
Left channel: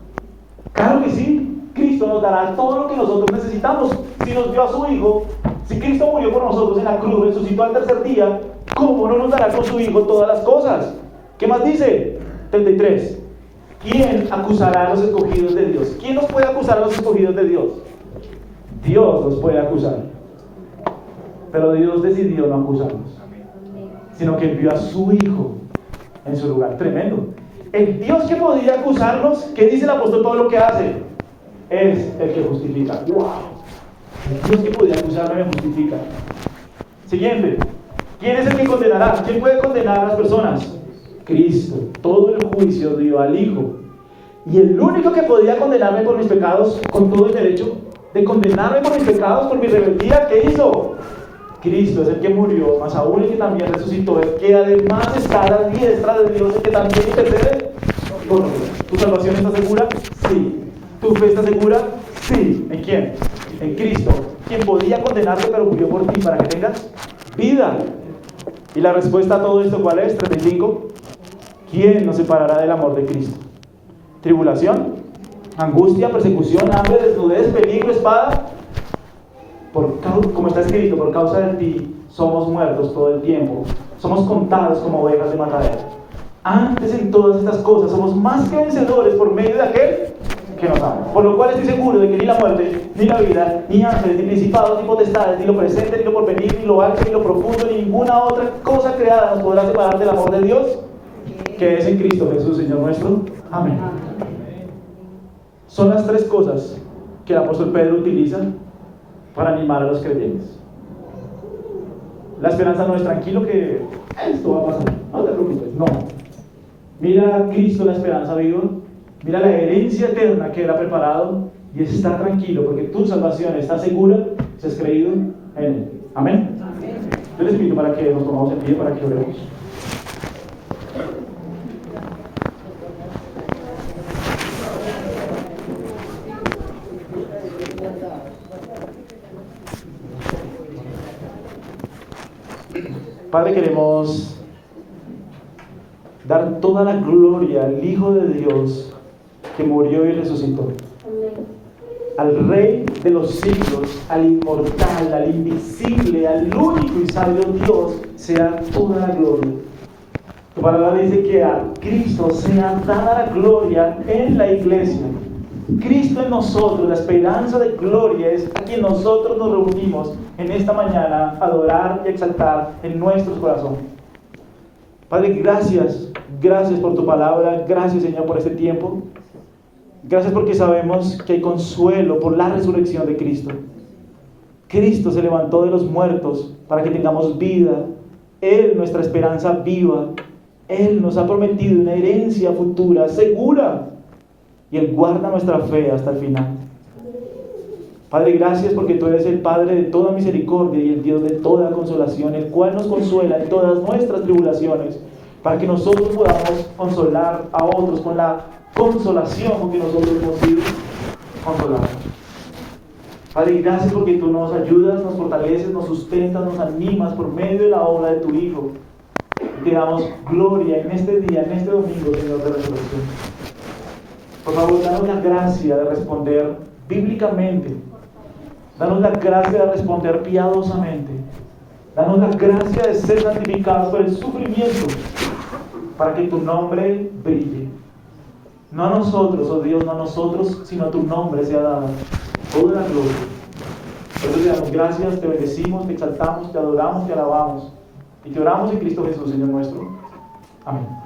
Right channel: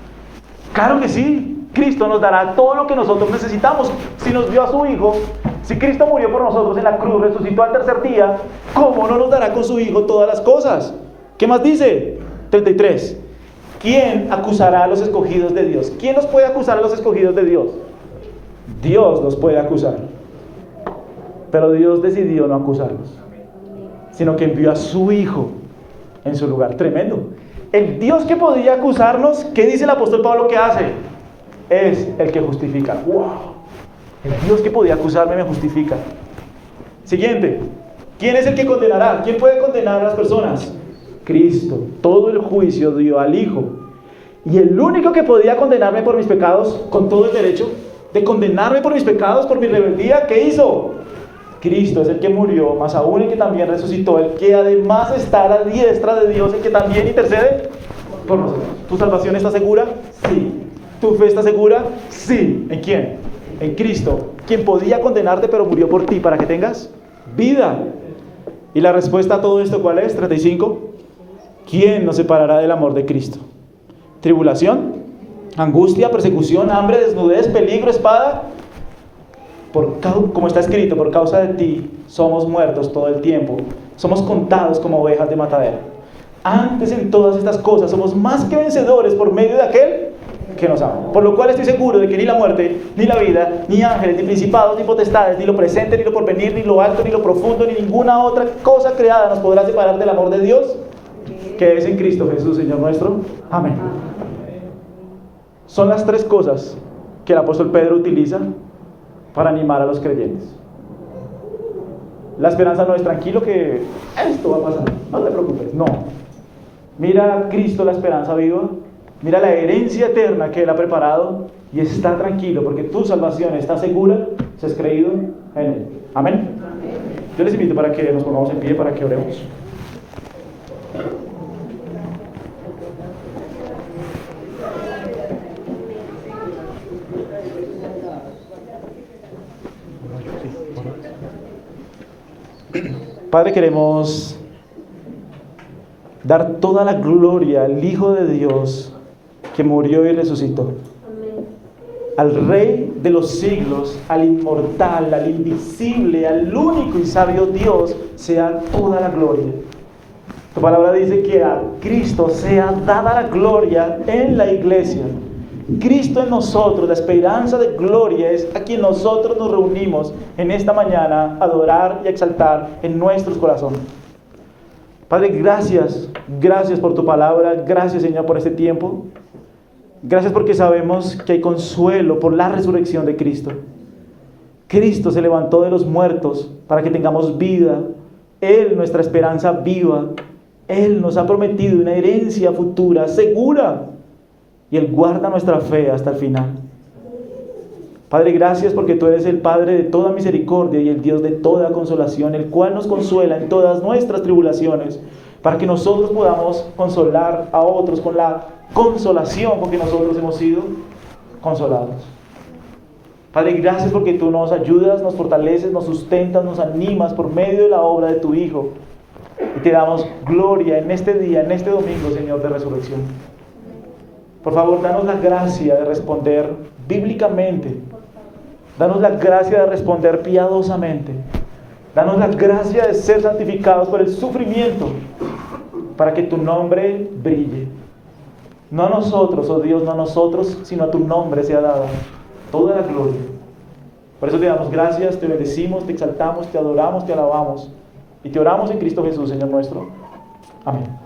Claro que sí, Cristo nos dará todo lo que nosotros necesitamos. Si nos dio a su Hijo, si Cristo murió por nosotros en la cruz, resucitó al tercer día, ¿cómo no nos dará con su Hijo todas las cosas? ¿Qué más dice? 33. ¿Quién acusará a los escogidos de Dios? ¿Quién los puede acusar a los escogidos de Dios? Dios los puede acusar. Pero Dios decidió no acusarlos, sino que envió a su Hijo en su lugar. Tremendo. El Dios que podía acusarnos, ¿qué dice el apóstol Pablo que hace? Es el que justifica. ¡Wow! El Dios que podía acusarme me justifica. Siguiente. ¿Quién es el que condenará? ¿Quién puede condenar a las personas? Cristo. Todo el juicio dio al Hijo. Y el único que podía condenarme por mis pecados, con todo el derecho de condenarme por mis pecados, por mi rebeldía, ¿qué hizo? Cristo es el que murió, más aún el que también resucitó, el que además está a la diestra de Dios, el que también intercede por nosotros. ¿Tu salvación está segura? Sí. ¿Tu fe está segura? Sí. ¿En quién? En Cristo, quien podía condenarte pero murió por ti para que tengas vida. Y la respuesta a todo esto, ¿cuál es? 35. ¿Quién nos separará del amor de Cristo? ¿Tribulación? ¿Angustia? ¿Persecución? ¿Hambre? ¿Desnudez? ¿Peligro? ¿Espada? Como está escrito, por causa de ti somos muertos todo el tiempo, somos contados como ovejas de matadero. Antes en todas estas cosas somos más que vencedores por medio de aquel que nos ama. Por lo cual estoy seguro de que ni la muerte, ni la vida, ni ángeles, ni principados, ni potestades, ni lo presente, ni lo porvenir, ni lo alto, ni lo profundo, ni ninguna otra cosa creada nos podrá separar del amor de Dios que es en Cristo Jesús, Señor nuestro. Amén. Son las tres cosas que el apóstol Pedro utiliza para animar a los creyentes. La esperanza no es tranquilo que esto va a pasar, no te preocupes, no. Mira a Cristo, la esperanza viva, mira la herencia eterna que Él ha preparado y está tranquilo porque tu salvación está segura si has creído en Él. Amén. Yo les invito para que nos pongamos en pie para que oremos. Padre, queremos dar toda la gloria al Hijo de Dios que murió y resucitó. al Rey de los siglos, al inmortal, al invisible, al único y sabio Dios, sea toda la gloria. Tu palabra dice que a Cristo sea dada la gloria en la iglesia. Cristo en nosotros, la esperanza de gloria, es a quien nosotros nos reunimos en esta mañana a adorar y a exaltar en nuestros corazones. Padre, gracias por tu palabra, gracias Señor por este tiempo. Gracias porque sabemos que hay consuelo por la resurrección de Cristo. Cristo se levantó de los muertos para que tengamos vida. Él, nuestra esperanza viva. Él nos ha prometido una herencia futura, segura. Y Él guarda nuestra fe hasta el final. Padre, gracias porque tú eres el Padre de toda misericordia y el Dios de toda consolación, el cual nos consuela en todas nuestras tribulaciones, para que nosotros podamos consolar a otros con la consolación con que nosotros hemos sido consolados. Padre, gracias porque tú nos ayudas, nos fortaleces, nos sustentas, nos animas por medio de la obra de tu Hijo. Y te damos gloria en este día, en este domingo, Señor, de resurrección. Por favor, danos la gracia de responder bíblicamente. Danos la gracia de responder piadosamente. Danos la gracia de ser santificados por el sufrimiento para que tu nombre brille. No a nosotros, oh Dios, no a nosotros, sino a tu nombre sea dado toda la gloria. Por eso te damos gracias, te bendecimos, te exaltamos, te adoramos, te alabamos. Y te oramos en Cristo Jesús, Señor nuestro. Amén.